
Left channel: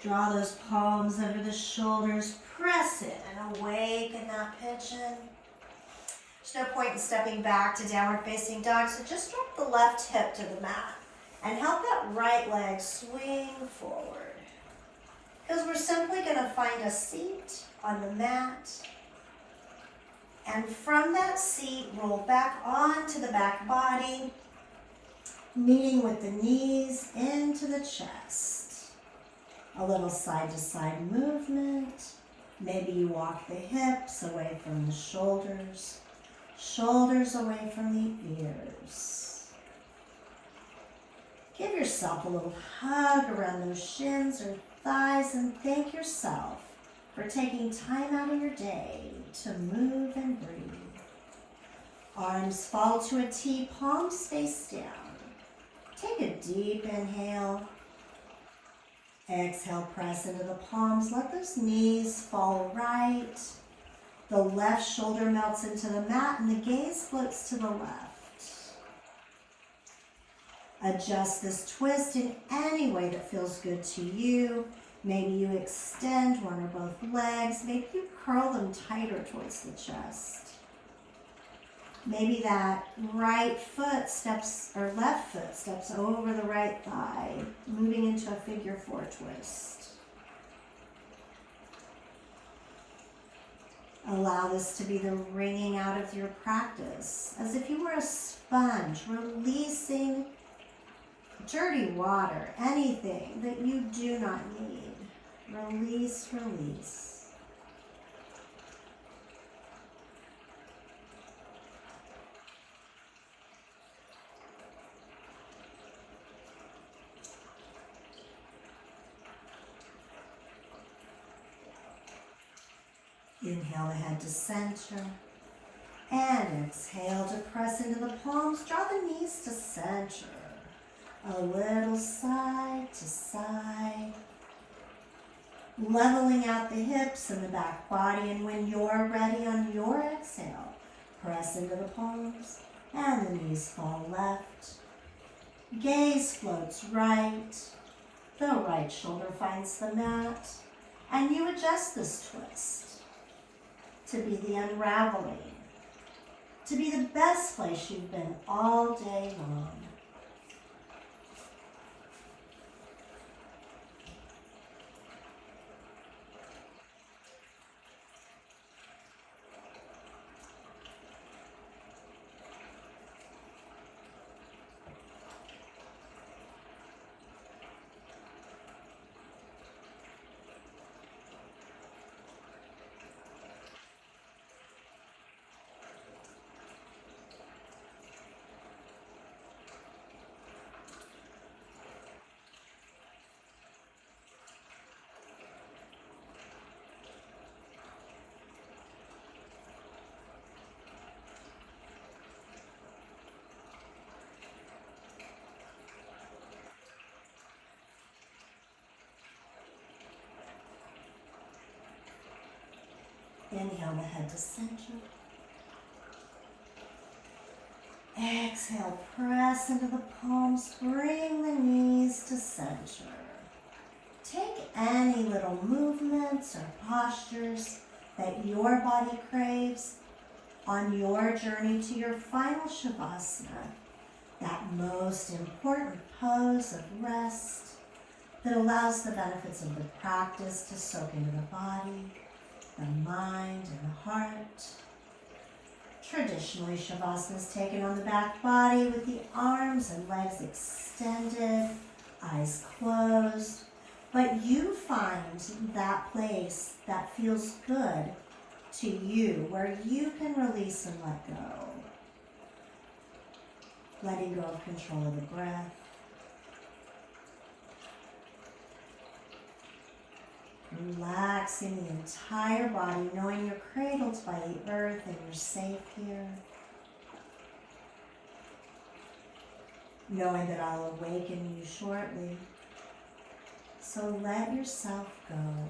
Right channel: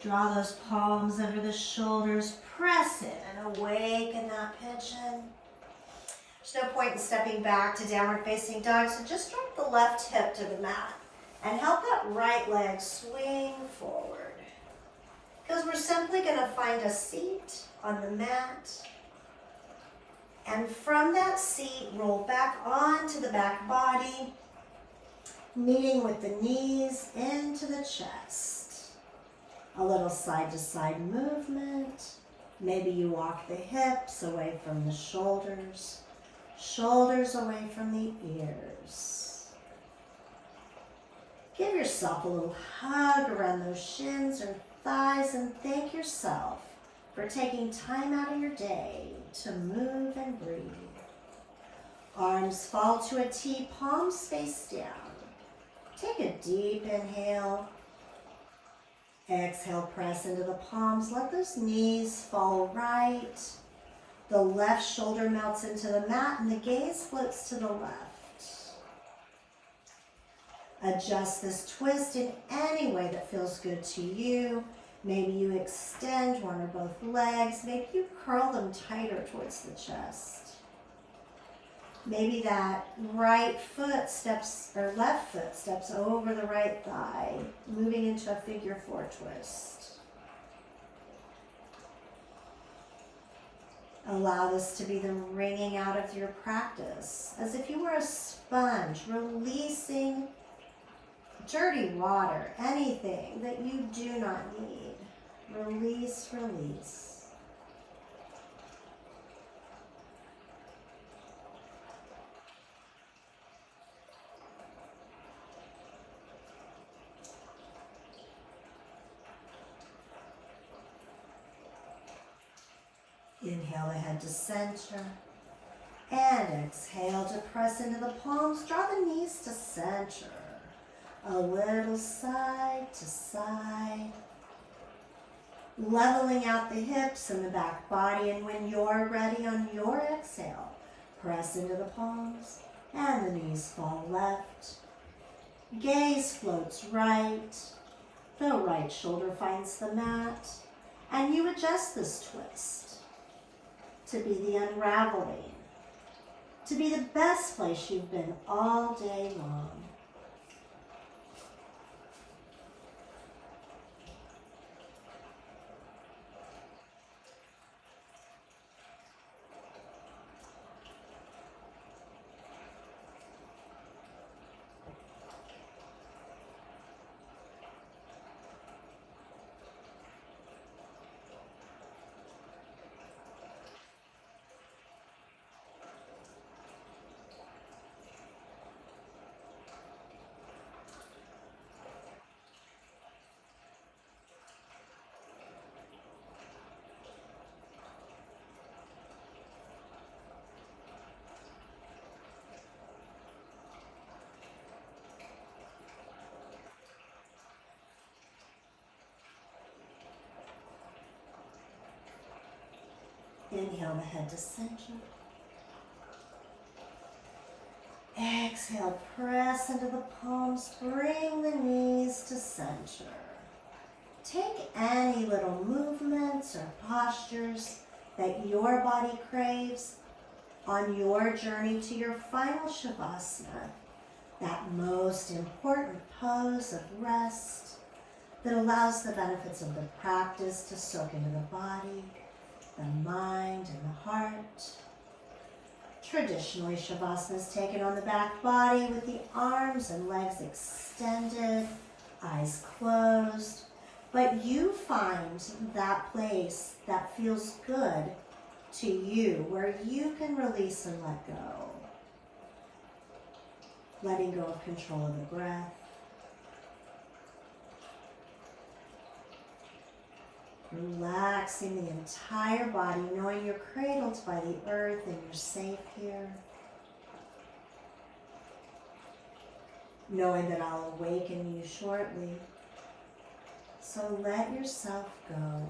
Draw those palms under the shoulders, press in and awaken that pigeon. There's no point in stepping back to downward facing dog, so just drop the left hip to the mat and help that right leg swing forward. Because we're simply going to find a seat on the mat. And from that seat, roll back onto the back body, meeting with the knees into the chest. A little side-to-side movement. Maybe you walk the hips away from the shoulders, shoulders away from the ears. Give yourself a little hug around those shins or thighs and thank yourself for taking time out of your day to move and breathe. Arms fall to a T, palms face down. Take a deep inhale. Exhale, press into the palms. Let those knees fall right. The left shoulder melts into the mat and the gaze floats to the left. Adjust this twist in any way that feels good to you. Maybe you extend one or both legs. Maybe you curl them tighter towards the chest. Maybe that right foot steps, or left foot steps over the right thigh, moving into a figure 4 twist. Allow this to be the wringing out of your practice, as if you were a sponge, releasing dirty water, anything that you do not need. Release, release. Inhale the head to center. And exhale to press into the palms. Draw the knees to center. A little side to side. Leveling out the hips and the back body. And when you're ready on your exhale, press into the palms and the knees fall left. Gaze floats right. The right shoulder finds the mat. And you adjust this twist to be the unraveling, to be the best place you've been all day long. Inhale the head to center. Exhale, press into the palms, bring the knees to center. Take any little movements or postures that your body craves on your journey to your final Shavasana, that most important pose of rest that allows the benefits of the practice to soak into the body, the mind, and the heart. Traditionally, Shavasana is taken on the back body with the arms and legs extended, eyes closed, but you find that place that feels good to you, where you can release and let go. Letting go of control of the breath. Relaxing the entire body, knowing you're cradled by the earth and you're safe here. Knowing that I'll awaken you shortly. So let yourself go.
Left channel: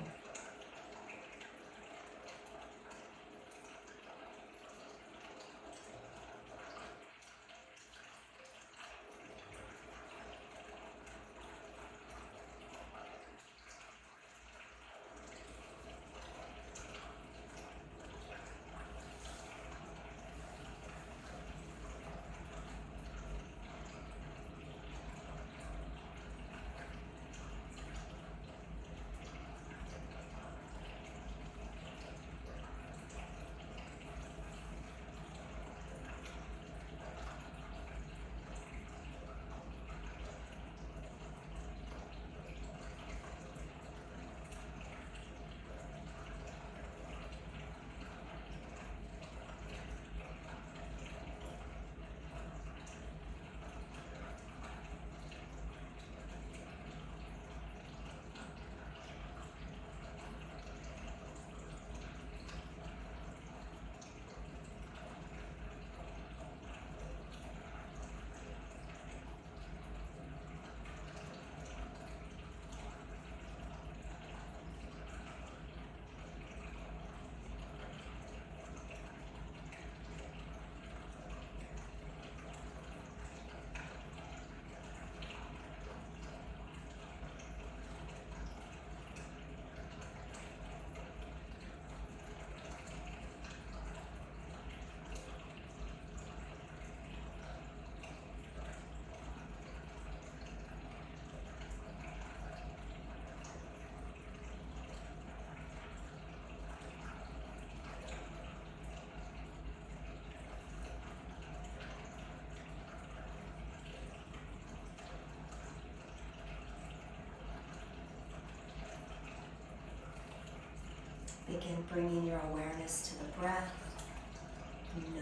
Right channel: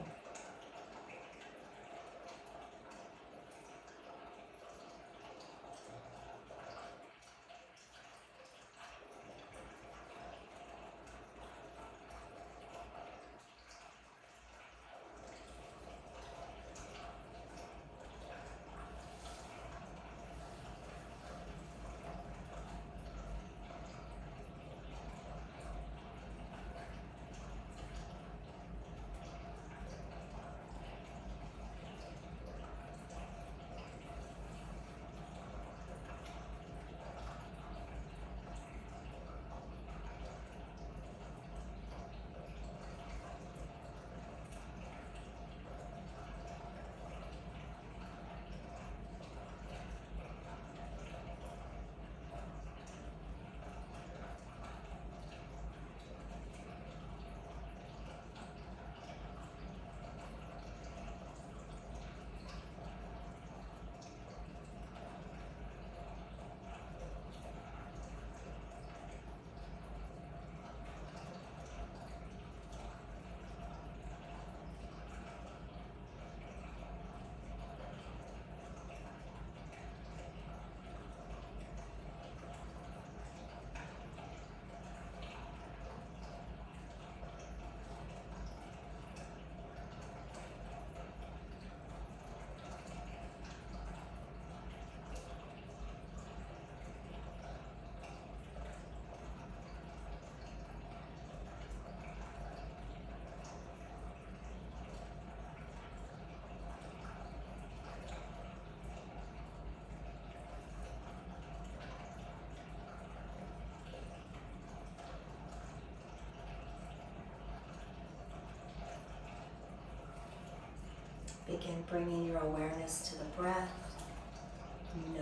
Begin bringing your awareness to the breath,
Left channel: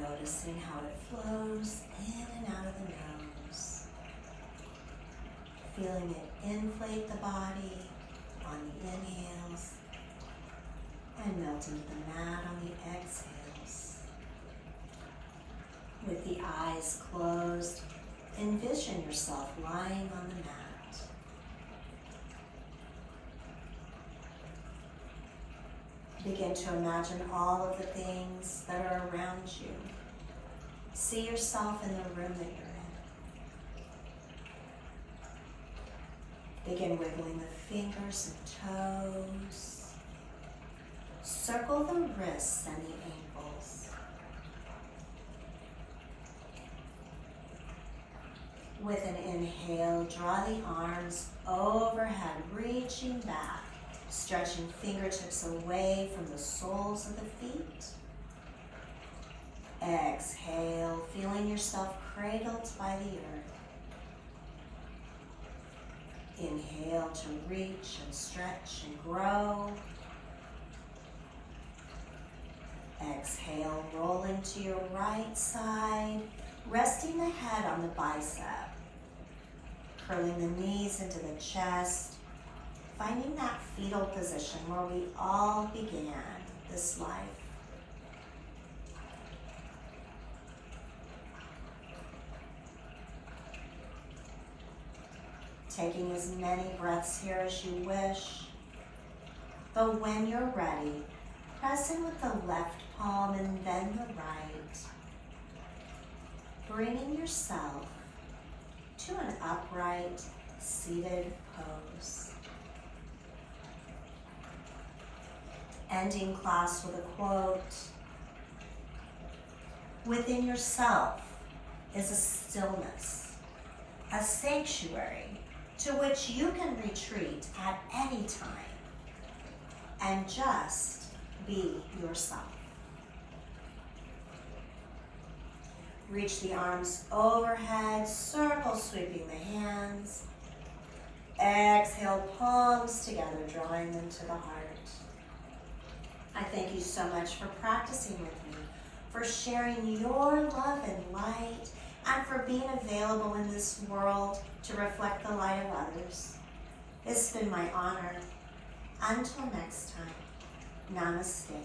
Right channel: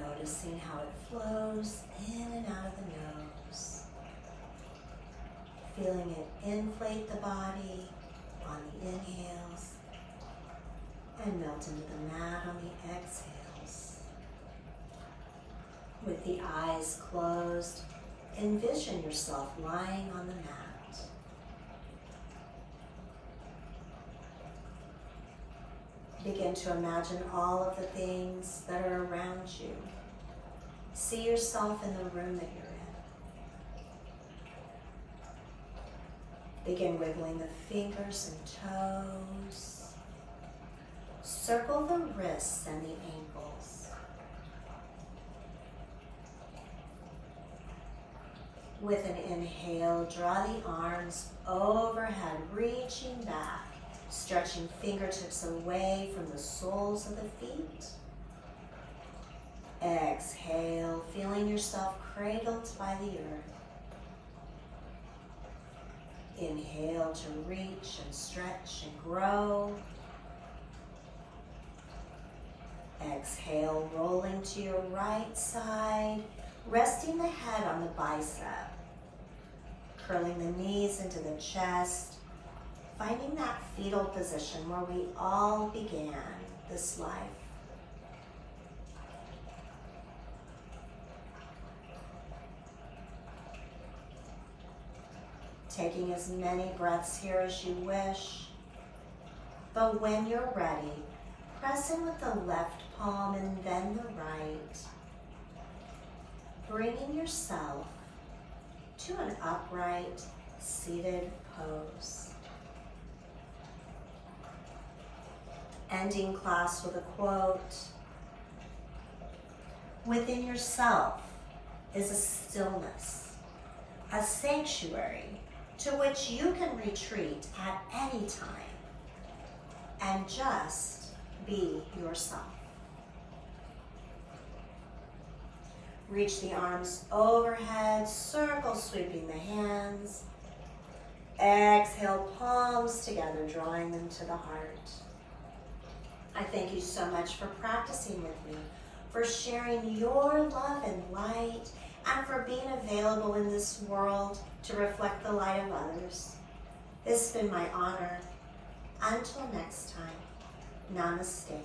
noticing how it flows in and out of the nose. Feeling it inflate the body on the inhales and melt into the mat on the exhales. With the eyes closed, envision yourself lying on the mat. Begin to imagine all of the things that are around you. See yourself in the room that you're in. Begin wiggling the fingers and toes. Circle the wrists and the ankles. With an inhale, draw the arms overhead, reaching back. Stretching fingertips away from the soles of the feet. Exhale, feeling yourself cradled by the earth. Inhale to reach and stretch and grow. Exhale, rolling to your right side, resting the head on the bicep. Curling the knees into the chest. Finding that fetal position where we all began this life. Taking as many breaths here as you wish. But when you're ready, press in with the left palm and then the right. Bringing yourself to an upright, seated pose. Ending class with a quote. Within yourself is a stillness, a sanctuary to which you can retreat at any time and just be yourself. Reach the arms overhead, circle sweeping the hands. Exhale, palms together, drawing them to the heart. I thank you so much for practicing with me, for sharing your love and light, and for being available in this world to reflect the light of others. It's been my honor. Until next time, Namaste.